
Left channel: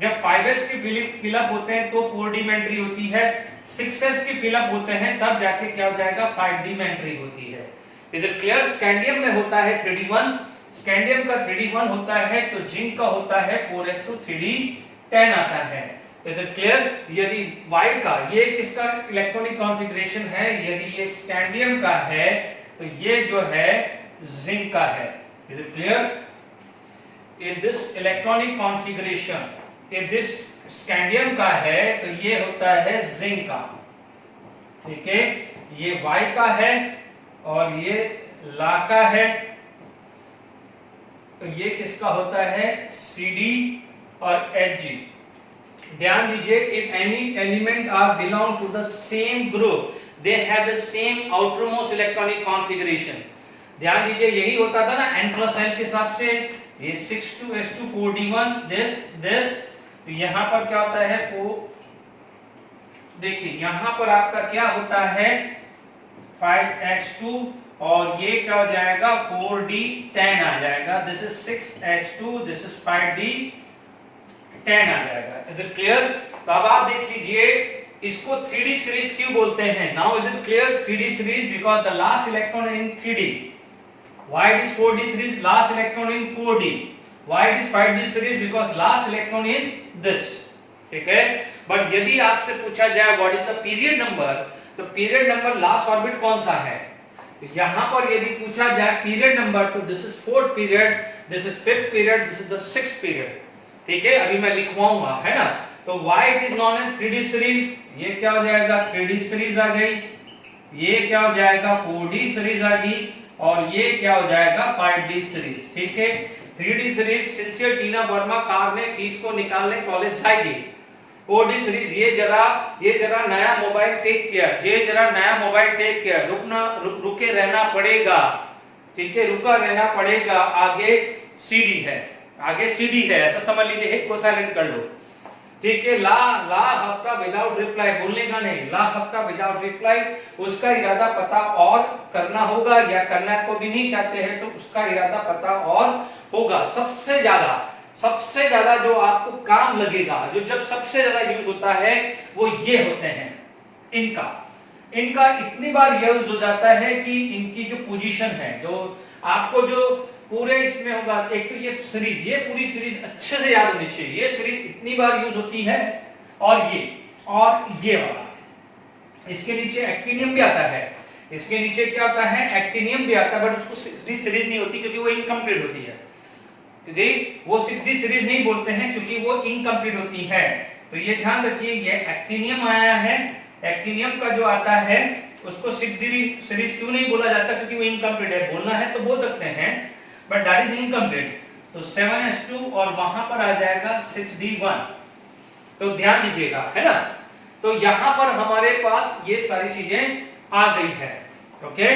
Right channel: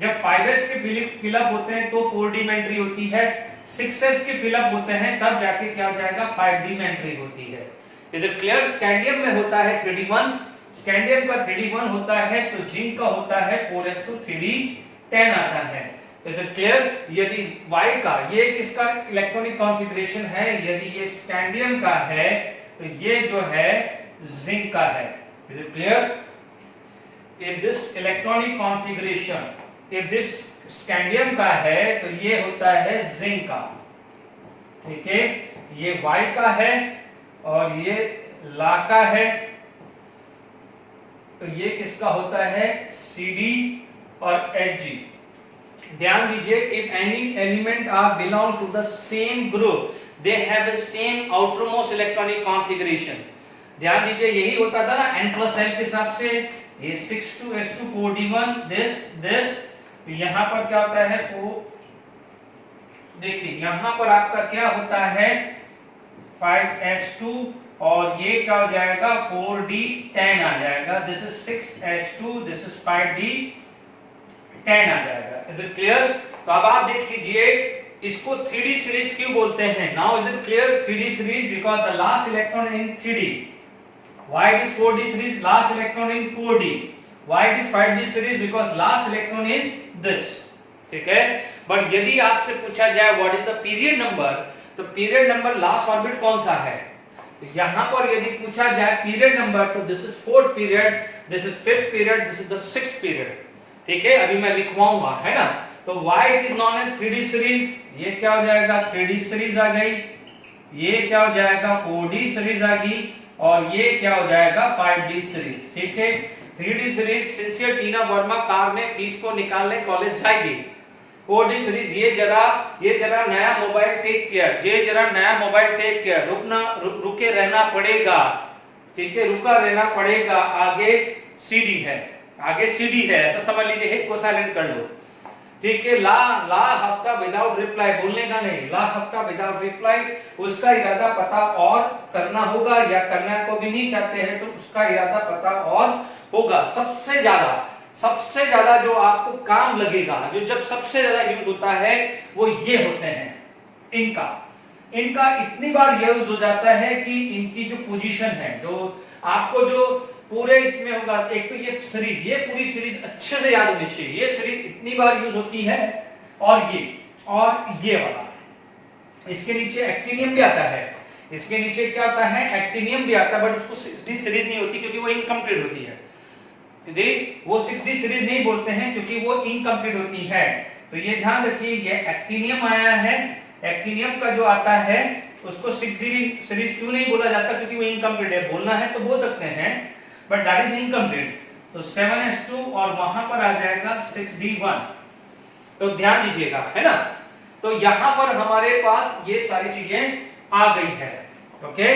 जब 5s के फिलअप होते हैं तो 4D में एंट्री होती है, 6s के फिलअप होते हैं तब जाके क्या हो जाएगा, 5D में एंट्री होती है। Is it clear? स्कैंडियम में होता है 3D1, स्कैंडियम का 3D1 होता है, तो जिंक का होता है 4s2 3D10 आता है। Is it clear? यदि Y का, ये किसका इलेक्ट्रॉनिक कॉन्फ़िगरेशन है, यदि ये स्कैंडियम का है तो ये जो है जिंक का है। Is it clear? If this electronic configuration, if this scandium का है तो ये होता है जिंक का, ठीक है। ये Y का है और ये ला का है, तो ये किसका होता है, CD और Hg। ध्यान दीजिए, if any element are belong to the same group they have the same outermost electronic configuration. ध्यान दीजिए, यही होता था ना N+L के हिसाब से, ये 6s2 4d1 दिस, तो यहां पर क्या होता है, देखिए यहां पर आपका क्या होता है 5s2 और ये क्या हो जाएगा 4d10 आ जाएगा, this is 6s2, this is 5d10 आ जाएगा। Is it clear? तो अब आप देख लीजिए इसको 3D सीरीज क्यों बोलते हैं। Now is it clear? 3D series because the last electron in 3D। Why it is 4D series? Last electron in 4D. Why it is 5D series? Because last electron is this. ठीक है? But यदि आपसे पूछा जाए what is the period number, तो period number last orbit कौन सा है, तो यहां पर यदि पूछा जाए पीरियड नंबर, तो this is 4th period, this is 5th period, this is the 6th period. ठीक है, अभी मैं लिखवाऊंगा, है ना। तो why it is known as 3D series, ये क्या हो जाएगा 3D सीरीज आ गई, ये क्या हो जाएगा 4D सीरीज आ गई, और ये क्या हो जाएगा 5D सीरीज। ठीक है, 3D सीरीज सिंसियर टीना वर्मा कार में फीस को निकालने कॉलेज जाएगी। 4D सीरीज ये जरा नया मोबाइल टेक केयर, ये जरा नया मोबाइल टेक केयर, रुके रहना पड़ेगा। ठीक है, रुका रहना पड़ेगा, आगे CD है, आगे CD है, ऐसा समझ लीजिए, हिट को साइलेंट कर लो। ठीक है, ला हफ्ता विदाउट रिप्लाई बोलने का नहीं, ला हफ्ता विदाउट रिप्लाई, उसका इरादा पता और करना होगा, या करना को भी नहीं चाहते हैं तो उसका इरादा पता और होगा। सबसे ज्यादा जो आपको काम लगेगा, जो जब सबसे ज्यादा यूज होता है वो ये होते हैं, इनका इतनी बार यूज हो जाता है कि इनकी जो पोजीशन है, जो आपको जो पूरे इसमें होगा, एक तो ये सीरीज, ये पूरी सीरीज अच्छे से याद होनी चाहिए, ये सीरीज इतनी बार यूज होती है, और ये वाला, इसके नीचे एक्टिनियम भी आता है, इसके नीचे क्या आता है एक्टिनियम भी आता है, बट उसको 6D सीरीज नहीं होती क्योंकि वो इनकम्प्लीट होती है। वो 6D सीरीज नहीं बोलते हैं क्योंकि वो इनकम्प्लीट होती है। तो ये ध्यान रखिए, ये एक्टिनियम आया है, एक्टिनियम का जो आता है उसको 6D सीरीज क्यों नहीं बोला जाता, क्योंकि वो इनकम्प्लीट है। बोलना है तो बोल सकते हैं, बट दैट इज इनकम्प्लीट। तो 7s2 और वहां पर आ जाएगा 6d1, तो ध्यान दीजिएगा, है ना। तो यहां पर हमारे पास ये सारी चीजें आ गई है। ओके,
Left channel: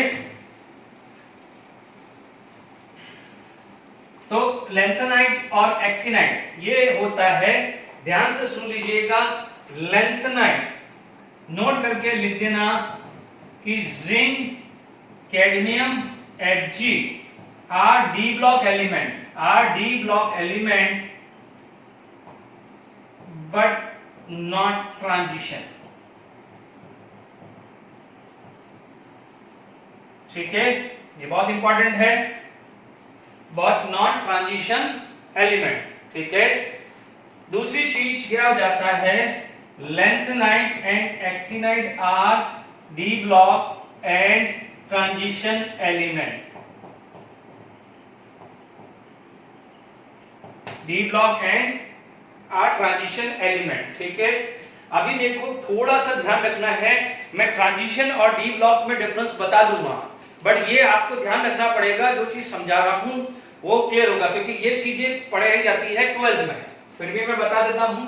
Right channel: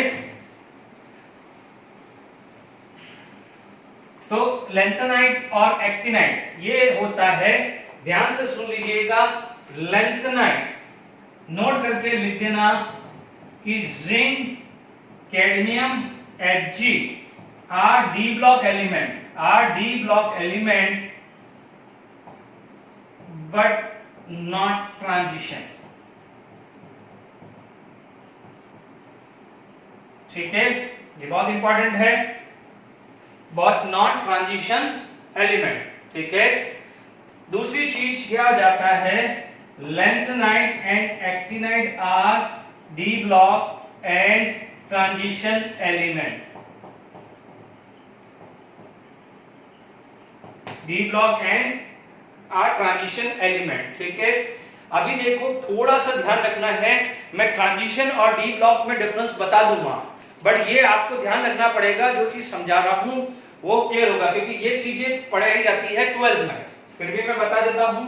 तो लैंथेनाइट और एक्टिनाइट ये होता है, ध्यान से सुन लीजिएगा। लैंथेनाइट नोट करके लिख देना कि zinc, cadmium, Hg are D block element, but not transition। ठीक है, ये बहुत इंपॉर्टेंट है, but not transition element। ठीक है, दूसरी चीज क्या हो जाता है, lanthanide and actinide are D block and transition element। D block and R transition element। ठीक है, अभी देखो थोड़ा सा ध्यान रखना है, मैं ट्रांजिशन और D block में डिफरेंस बता दूंगा, बट ये आपको ध्यान रखना पड़ेगा, जो चीज समझा रहा हूं वो क्लियर होगा, क्योंकि ये चीजें पढ़ाई जाती है 12th में, फिर भी मैं बता देता हूं।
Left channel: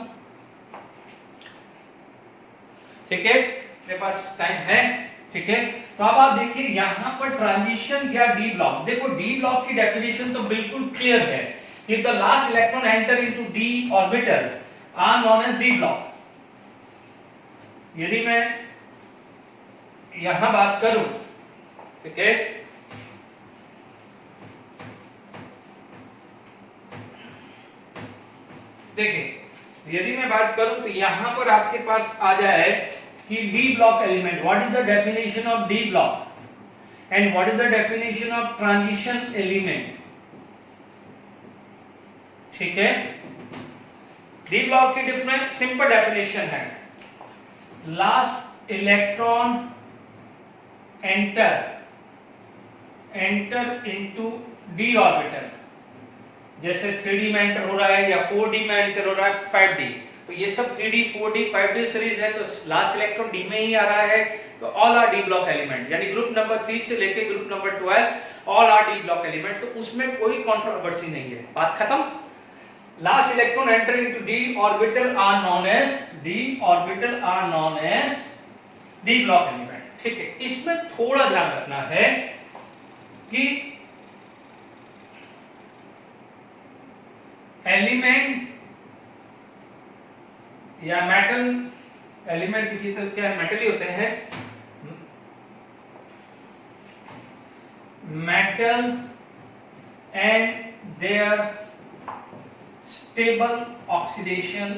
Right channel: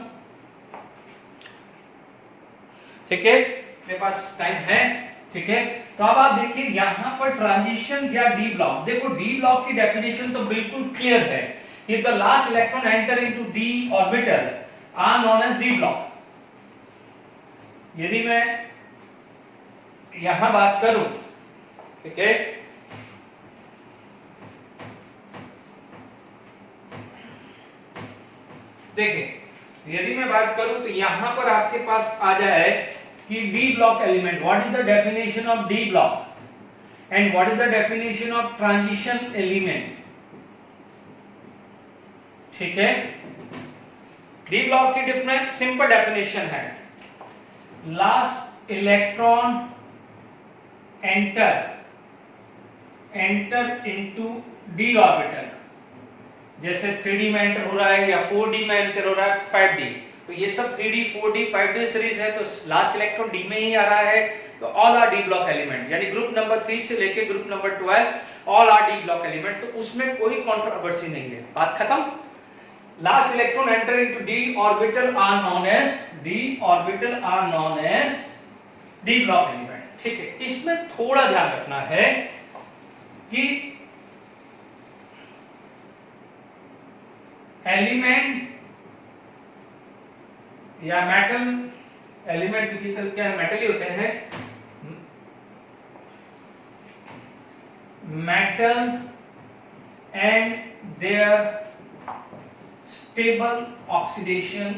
ठीक है, मेरे पास टाइम है। ठीक है, तो अब आप देखिए यहां पर ट्रांजिशन या डी ब्लॉक, देखो डी ब्लॉक की डेफिनेशन तो बिल्कुल क्लियर है। If the last electron enter into d orbital are known as d block. यदि मैं यहां बात करूं, ठीक है, देखिए यदि मैं बात करूं तो यहां पर आपके पास आ जाए कि D block element, what is the definition of D block and what is the definition of transition element. ठीक है, डी ब्लॉक की डिफरेंट सिंपल डेफिनेशन है, last electron enter into d orbital, जैसे 3D में एंटर हो रहा है या 4D में एंटर हो रहा है 5D, तो ये सब 3D 4D 5D सीरीज है, तो लास्ट इलेक्ट्रॉन डी में ही आ रहा है, तो all are d block element, यानी ग्रुप नंबर 3 से लेके group number 12 all are d block element, तो उसमें कोई कंट्रोवर्सी नहीं है, बात खत्म। Last electron enter into d orbital are known as d block element. ठीक है, इसमें थोड़ा ध्यान रखना है कि एलिमेंट या मेटल, एलिमेंट की तो क्या है, मेटल ही होते हैं, metal and their stable oxidation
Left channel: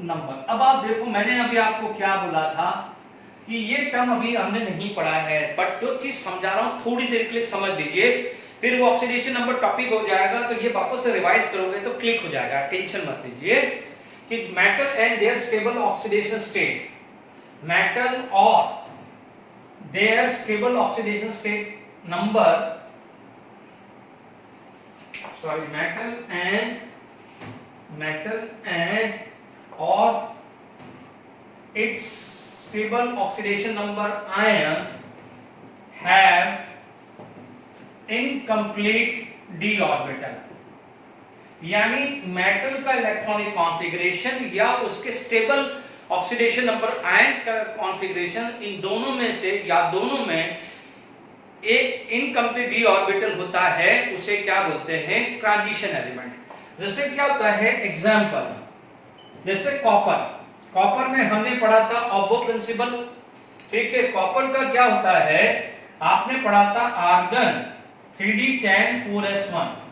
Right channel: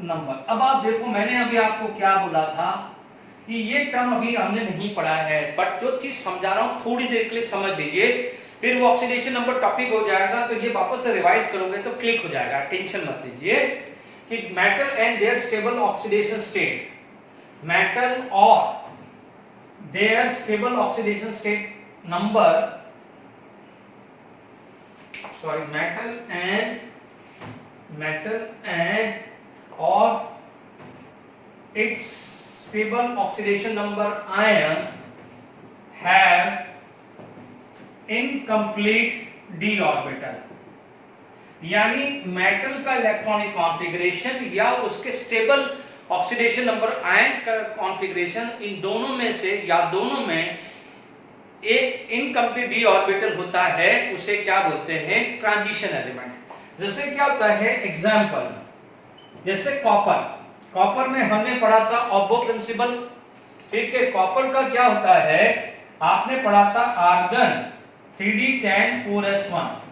number. अब आप देखो, मैंने अभी आपको क्या बोला था कि ये टर्म अभी हमने नहीं पढ़ा है, बट जो चीज समझा रहा हूं थोड़ी देर के लिए समझ लीजिए, फिर वो ऑक्सीडेशन नंबर टॉपिक हो जाएगा, तो ये वापस से रिवाइज करोगे तो क्लिक हो जाएगा, टेंशन मत लीजिए। कि metal and their stable oxidation state, metal और their stable oxidation state number, sorry, metal and or its stable oxidation number ion have incomplete d orbital, यानी मेटल का इलेक्ट्रॉनिक कॉन्फ़िगरेशन या उसके स्टेबल ऑक्सीडेशन नंबर आयंस का configuration, इन दोनों में से या दोनों में एक इनकम्प्लीट डी ऑर्बिटल होता है, उसे क्या बोलते हैं, ट्रांजिशन एलिमेंट। जैसे क्या होता है, एग्जांपल जैसे कॉपर में हमने पढ़ा था ऑब्बो प्रिंसिपल। ठीक है, कॉपर का क्या होता है, आपने पढ़ा था आर्गन 3d10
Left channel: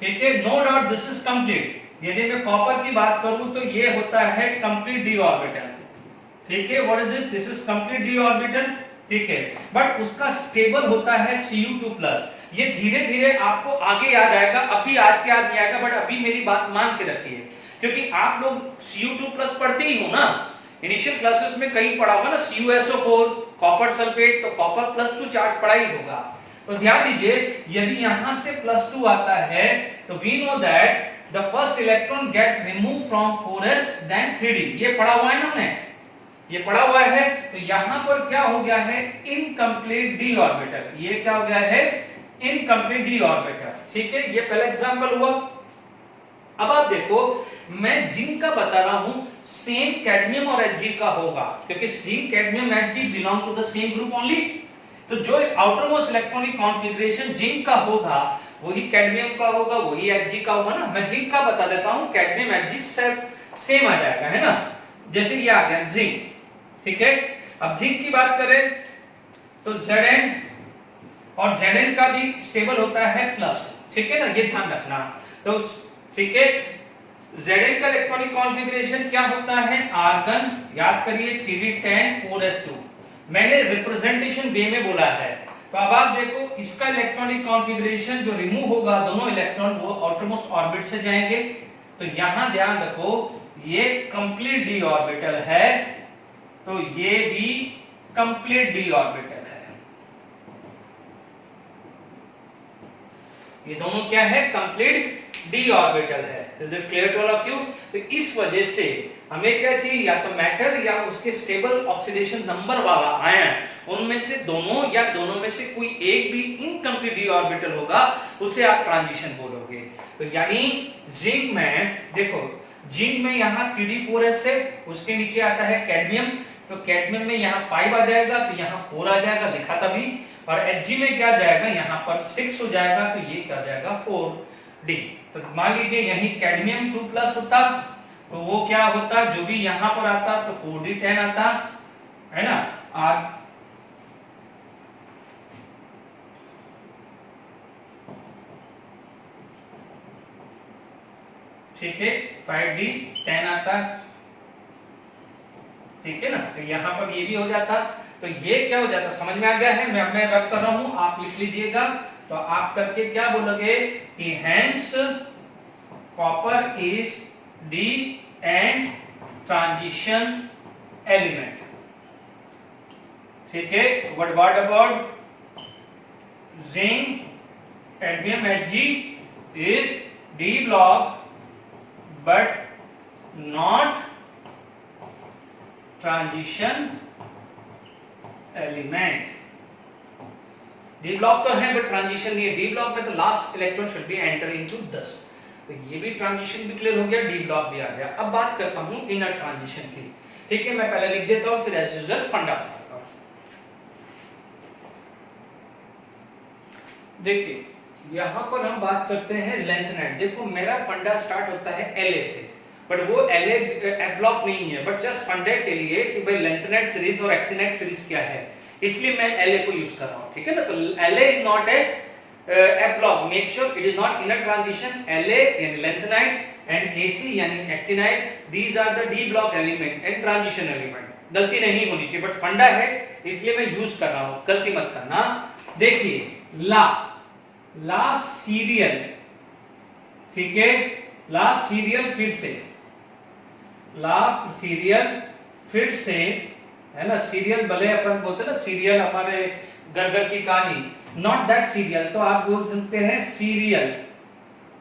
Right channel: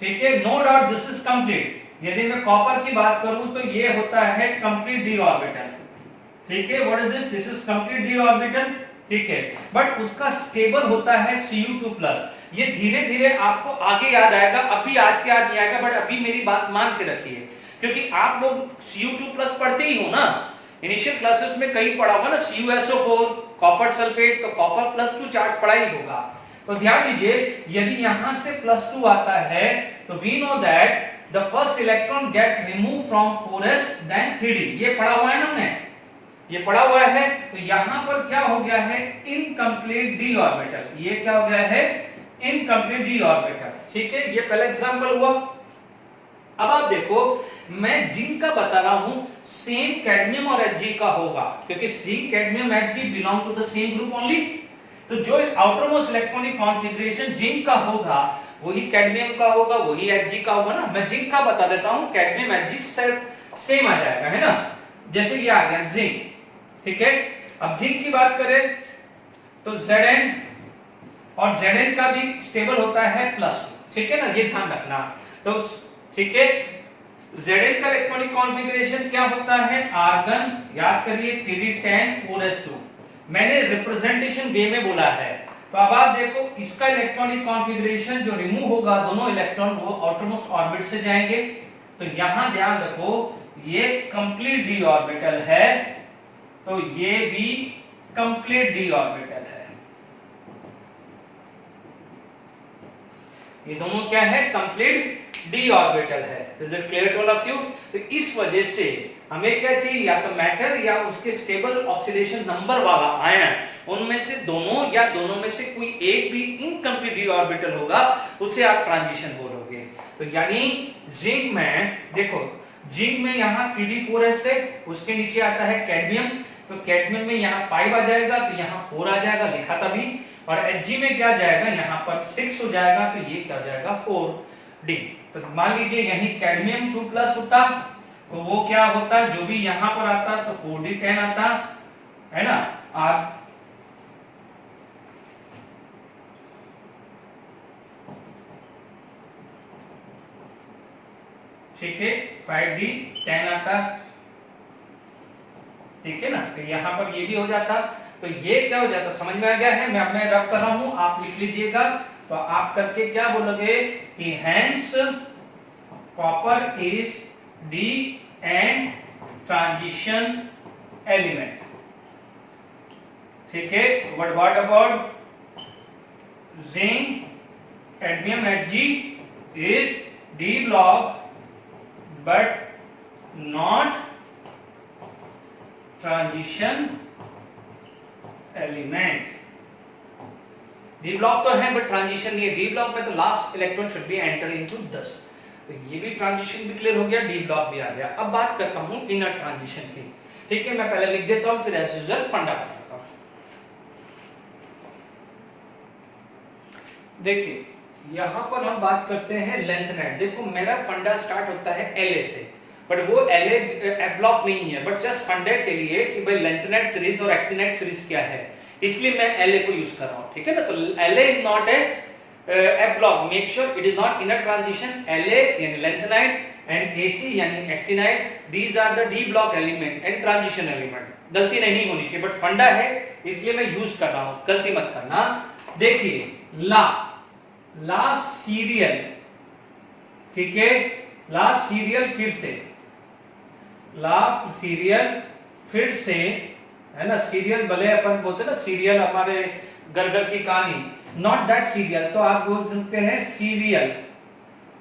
ठीक है, no doubt this is complete. यदि मैं कॉपर की बात करूं तो ये होता है कंप्लीट डी ऑर्बिटल। ठीक है, what is this, this is complete d orbital. ठीक है, बट उसका स्टेबल होता है Cu2+। ये धीरे धीरे आपको आगे याद आएगा, अभी आज के याद नहीं आएगा, बट अभी मेरी बात मान के रखिए, क्योंकि आप लोग Cu2+ पढ़ते ही हो ना, इनिशियल क्लासेस में कहीं पढ़ा होगा ना CuSO4, कॉपर सल्फेट, तो कॉपर +2 चार्ज पढ़ा ही होगा। तो ध्यान दीजिए, यदि यहां से +2 आता है तो we know that the first electron get remove from 4s then 3d, ये पढ़ा हुआ है ना हमने, ये पढ़ा हुआ है। तो यहां पर क्या हो गया है, इनकम्प्लीट डी ऑर्बिटल, ये क्या हो गया है, इनकम्प्लीट डी ऑर्बिटल। ठीक है, ये पहला एग्जांपल हुआ। अब आप देखो, मैं जिंक का बता रहा हूं, सेम कैडमियम और Hg का होगा, क्योंकि zinc cadmium Hg belong to the same group only. तो जो आउटरमोस्ट इलेक्ट्रॉनिक कॉन्फ़िगरेशन जिंक का होगा वही कैडमियम का होगा, वही Hg का होगा ना। मैं जिंक का बता देता हूं, कैडमियम Hg सेम आ जाएगा, है ना। जैसे ये आ गया जिंक। ठीक है, अब जिंक की बात करें तो Zn और Zn का भी स्टेबल होता है +2। ठीक है ना, ये ध्यान रखना। तो ठीक है, Zn का इलेक्ट्रॉनिक कॉन्फ़िगरेशन क्या होता है, आर्गन, याद करिए 3d10 मैंने रिप्रेजेंटेशन वे में बोला है। तो अब आप देखो, इसका इलेक्ट्रॉनिक कॉन्फ़िगरेशन जो रिमूव होगा, दोनों इलेक्ट्रॉन वो आउटरमोस्ट ऑर्बिट से जाएंगे। तो यहां ध्यान रखो, ये कंप्लीट डी ऑर्बिटल है, तो ये भी कंप्लीट डी ऑर्बिटल है। ये दोनों क्या है, कंप्लीट डी ऑर्बिटल है। Is it clear to all of you? तो इस वजह से हमें क्या चाहिए, या तो मैटर या उसके स्टेबल ऑक्सीडेशन नंबर वाला आयन, उनमें से दोनों या दोनों में से कोई एक भी इनकम्प्लीट d ऑर्बिटल होगा, उसे आप ट्रांजिशन बोलोगे। तो यानी जिंक में देखो, जिंक में यहाँ 3d4s है, उसके नीचे आता है कैडमियम, तो कैडमियम में यहाँ 5 आ जाएगा, तो यहाँ 4 आ जाएगा, लिखा था भी। और Hg में क्या जाएगा, यहाँ पर 6 हो जाएगा, तो ये क्या जाएगा 4d। तो मान लीजिए यही कैडमियम 2+ होता, तो वो क्या होता, जो भी यहाँ पर आता तो 4d10 आता है ना। और ठीक है 5d10 आता, ठीक है ना। तो यहाँ पर ये भी हो जाता, तो ये क्या हो जाता, समझ में आ गया है। मैं रब कर रहा हूं, आप लिख लीजिएगा। तो आप करके क्या बोलोगे कि hence copper is D and transition element, ठीक है। What about zinc, cadmium Hg is D block but not transition element. D block तो है बट ट्रांजिशन नहीं है। डी ब्लॉक में तो last electron should be enter into 10, तो ये भी ट्रांजिशन भी क्लियर हो गया, डी ब्लॉक भी आ गया। अब बात करता हूं इनर ट्रांजिशन की, ठीक है। मैं पहले लिख देता हूं, फिर एज यूजुअल फंडा बताता हूं। देखिए यहां पर हम बात करते हैं लेंथ नेट। देखो मेरा फंडा स्टार्ट होता है La से, बट वो La ब्लॉक नहीं है, बट जस्ट फंडे के लिए कि भाई लेंथ नेट सीरीज और एक्टिनेट सीरीज क्या है, इसलिए मैं La को यूज कर रहा हूं, ठीक है ना। तो La is not a block, make sure it is not inner transition. La यानी लेंथ नेट एंड Ac यानी actinide, these are the d block element and transition element. गलती नहीं होनी चाहिए, बट फंडा है इसलिए मैं यूज कर रहा हूं, गलती मत करना। देखिए ला सीरियल, ठीक है, ला सीरियल फिर से है ना। सीरियल भले अपन बोलते ना, सीरियल हमारे घर की कहानी, नॉट दैट सीरियल, तो आप बोल सकते हैं सीरियल,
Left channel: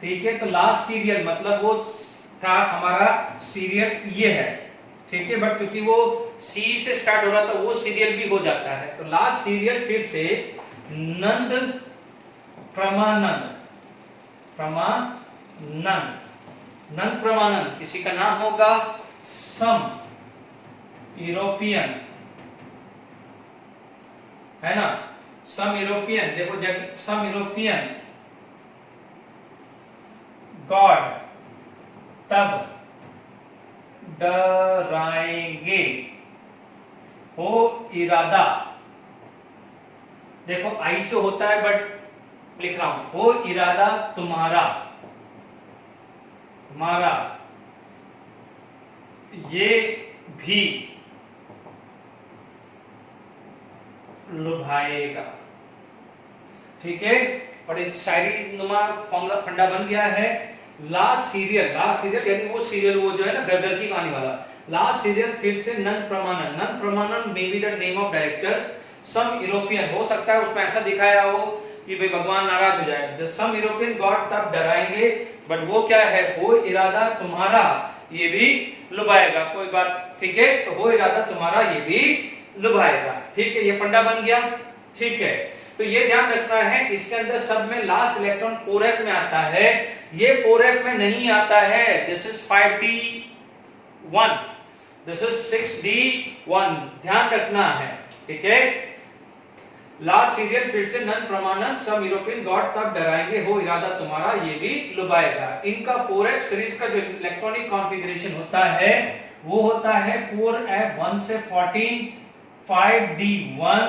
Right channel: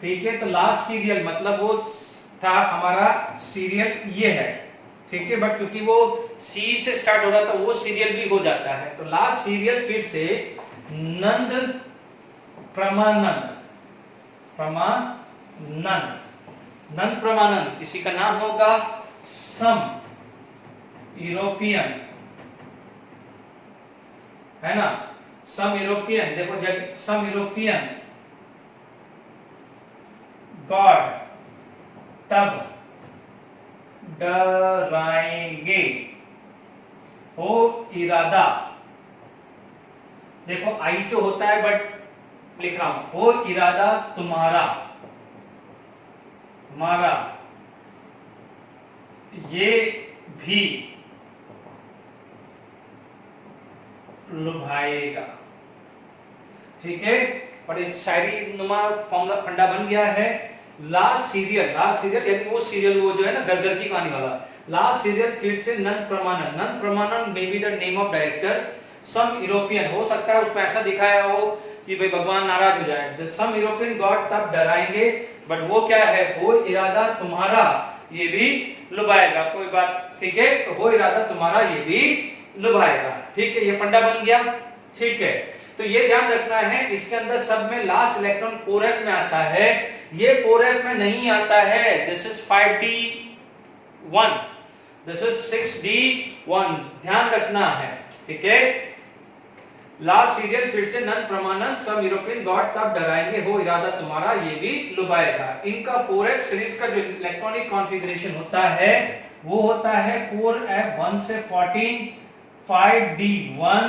ठीक है। तो लास्ट सीरियल मतलब वो था हमारा सीरियल ये है, ठीक है। बट क्योंकि वो सी से स्टार्ट हो रहा था, वो सीरियल भी हो जाता है। तो लास्ट सीरियल फिर से नंद प्रमानंद, नंद प्रमानंद, किसी का नाम होगा सम यूरोपियन, है ना। सम यूरोपियन, देखो सम यूरोपियन गॉड तब डराएंगे हो इरादा। देखो आई से होता है बट लिख रहा हूं, हो इरादा तुम्हारा, ये भी लुभाएगा, ठीक है। और एक शायरी नुमा फॉर्मूला फंडा बन गया है। लास्ट सीरियल यानी वो सीरियल, वो जो है ना घर की कहानी वाला, लास्ट सीरियल फिर से Nand Pramanand may be the name of director. Some European हो सकता है उसमें ऐसा दिखाया हो कि भाई भगवान नाराज हो जाए। सम यूरोपियन गॉड तब डराएंगे, बट वो क्या है, हो इरादा तुम्हारा ये भी लुभाएगा, कोई बात, ठीक है। तो हो इरादा तुम्हारा ये भी लुभाएगा, ठीक है। ये फंडा बन गया, ठीक है। तो ये ध्यान रखना है, इसके अंदर सब में लास्ट इलेक्ट्रॉन 4f में आता है, ये 4f में नहीं आता है। This is 5d1, this is 6d1, ध्यान रखना है, ठीक है। लास्ट सीरियल फिर से नन प्रमाणन, सम यूरोपियन गॉड तब डराएंगे, हो इरादा तुम्हारा ये भी लुभाएगा। इनका 4f सीरीज का जो इलेक्ट्रॉनिक कॉन्फ़िगरेशन होता है वो होता है 4f 1 से 14, 5d1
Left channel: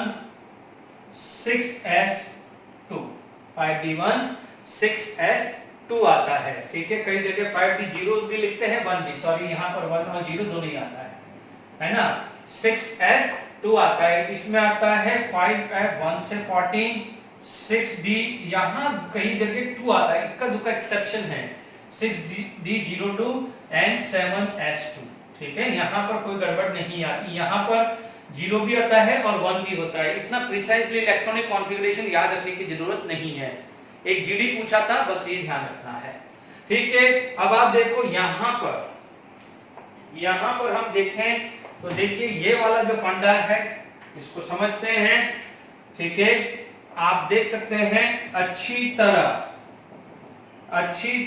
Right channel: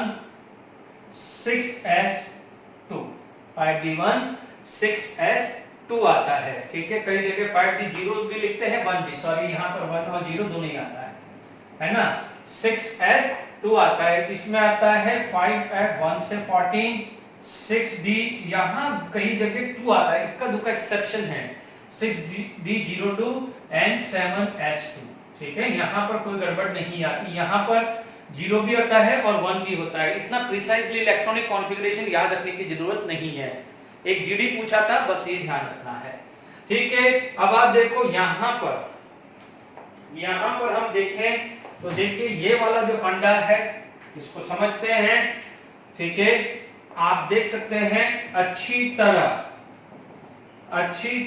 6s2, 5d1 6s2 आता है, ठीक है। कई जगह 5d0 भी लिखते हैं, 1 भी, सॉरी यहाँ पर 1 और 0 दोनों ही आता है ना। 6s2 आता है, इसमें आता है 5f 1 से 14, 6d, यहाँ कई जगह 2 आता है, इक्का दुक्का एक्सेप्शन है, 6d02 एंड 7s2, ठीक है। यहाँ पर कोई गड़बड़ नहीं आती, यहाँ पर 0 भी होता है और 1 भी होता है। इतना प्रिसाइजली इलेक्ट्रॉनिक कॉन्फ़िगरेशन याद रखने की जरूरत नहीं है। एक जीडी पूछा था, बस ये ध्यान रखना है, ठीक है। अब आप देखो यहाँ पर यहां पर हम देखें तो देखिए ये वाला जो फंडा है इसको समझते हैं, ठीक है। आप देख सकते हैं अच्छी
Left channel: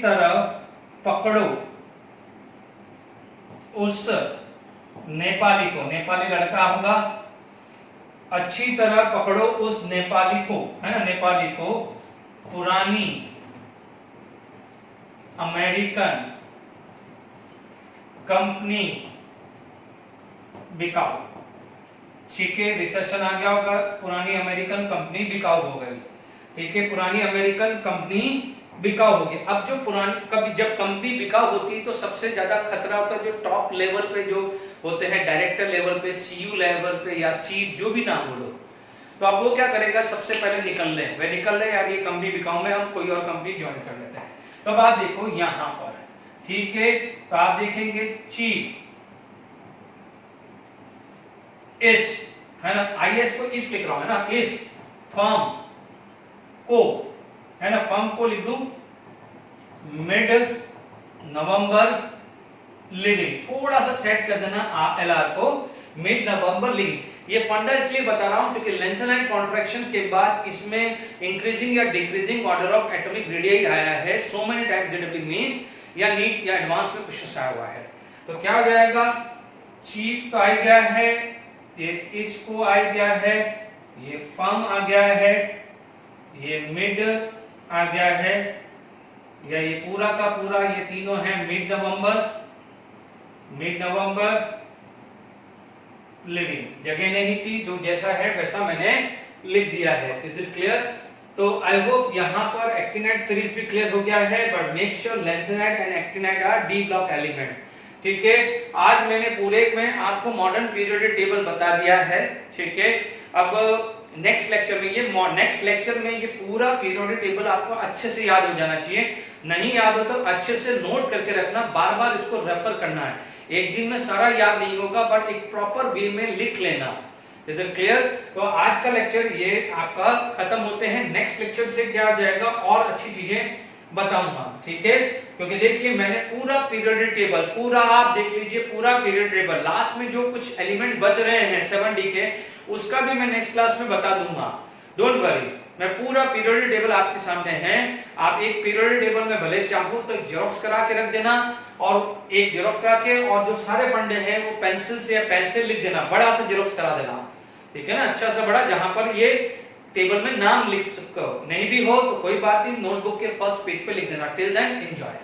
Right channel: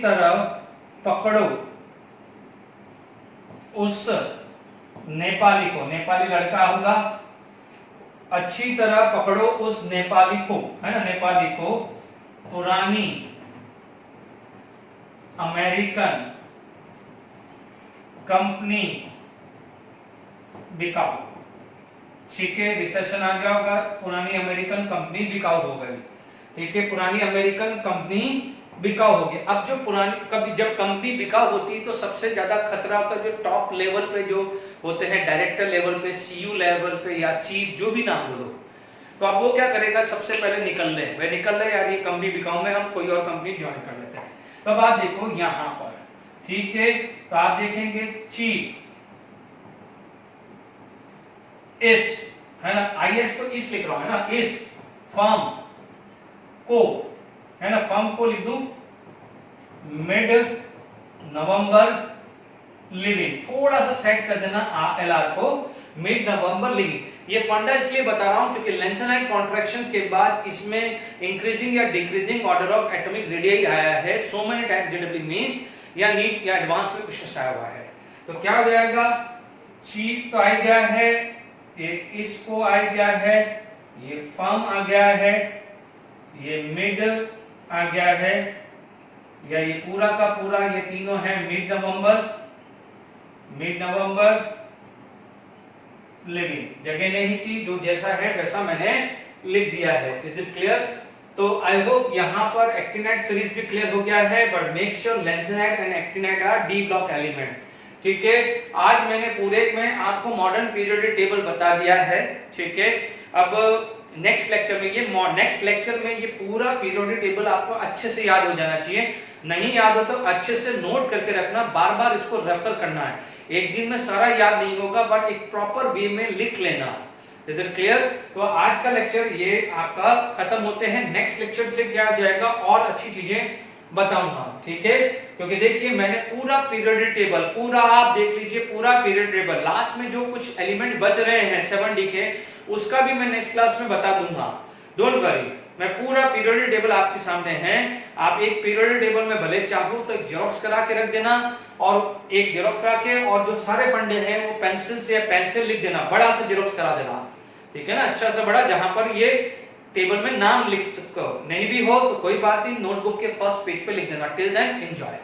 तरह पकड़ो उस नेपाली को, नेपाली लड़का होगा, अच्छी तरह पकड़ो उस नेपाली को, है ना, नेपाली को पुरानी अमेरिकन कंपनी बिकाऊ, ठीक है। रिसेशन आ गया होगा, पुरानी अमेरिकन कंपनी बिकाऊ हो गई, ठीक है। पुरानी अमेरिकन कंपनी बिकाऊ हो गई। अब जो पुरानी कभी जब कंपनी बिकाऊ होती है तो सबसे ज्यादा खतरा होता है जो टॉप लेवल पे जो होते हैं, डायरेक्टर लेवल पे, सीयू लेवल पे या चीफ, जो भी नाम बोलो, तो अब वो क्या करेगा, सबसे पहले निकल ले यार, ये कंपनी बिकाऊ में हम कोई और कंपनी ज्वाइन कर लेते हैं। तो अब आप देखो यहां पर, ठीक है, तो आप देखेंगे चीफ इस, है ना, आईएस को इस लिख रहा हूं, है ना, इस फर्म को, है ना, फर्म को लिख दूं मिड नवंबर लिविंग, थोड़ा सा सेट कर देना एलआर को, मिड नवंबर लिविंग। ये फंडा इसलिए बता रहा हूं क्योंकि लेंथन एंड कॉन्ट्रैक्शन के बाद इसमें इंक्रीजिंग या decreasing order of atomic radius आया है, so many times JW means, या नीट या एडवांस में कुछ आया हुआ है। तो क्या हो जाएगा, चीफ तो आ गया है, ये इसको आ गया है, ये फर्म आ गया है, ये मिड आ गया है, या ये पूरा का पूरा ये तीनों है मिड नवंबर लिविंग। जगह नहीं थी, जो जैसा है वैसा मैंने लिख दिया है। Is it clear? तो आई होप यहां पर एक्टिनाइड सीरीज भी क्लियर हो गया है, but make sure lanthanide and actinide are d block element, ठीक है। आज मैंने पूरे में आपको मॉडर्न पीरियोडिक टेबल बता दिया है, ठीक है। अब नेक्स्ट लेक्चर में ये पूरा पीरियोडिक टेबल आपको अच्छे से याद हो जाना चाहिए। नहीं याद हो तो अच्छे से नोट करके रखना, बार बार इसको रेफर करना है। एक दिन में सारा याद नहीं होगा, बट एक प्रॉपर वे में लिख लेना। Is it clear? तो आज का लेक्चर ये आपका खत्म होते हैं। नेक्स्ट लेक्चर से क्या जाएगा और अच्छी चीजें बताऊंगा, ठीक है। क्योंकि देखिए मैंने पूरा पीरियोडिक टेबल, पूरा आप देख लीजिए, पूरा पीरियोडिक टेबल, लास्ट में जो कुछ एलिमेंट बच रहे हैं 7D के, उसका भी मैं नेक्स्ट क्लास में बता दूंगा। डोंट वरी, मैं पूरा पीरियोडिक टेबल आपके सामने है। आप एक पीरियोडिक टेबल में भले चाहो तो जेरॉक्स करा के रख देना, और एक जेरॉक्स करा के, और जो सारे फंडे हैं वो पेंसिल से या पेन से लिख देना, बड़ा सा जेरॉक्स करा देना, ठीक है ना, अच्छा सा बड़ा, जहां पर ये टेबल में नाम लिख चुका हो। नहीं भी हो तो कोई बात नहीं, नोटबुक के फर्स्ट पेज पे लिख देना। Till then enjoy.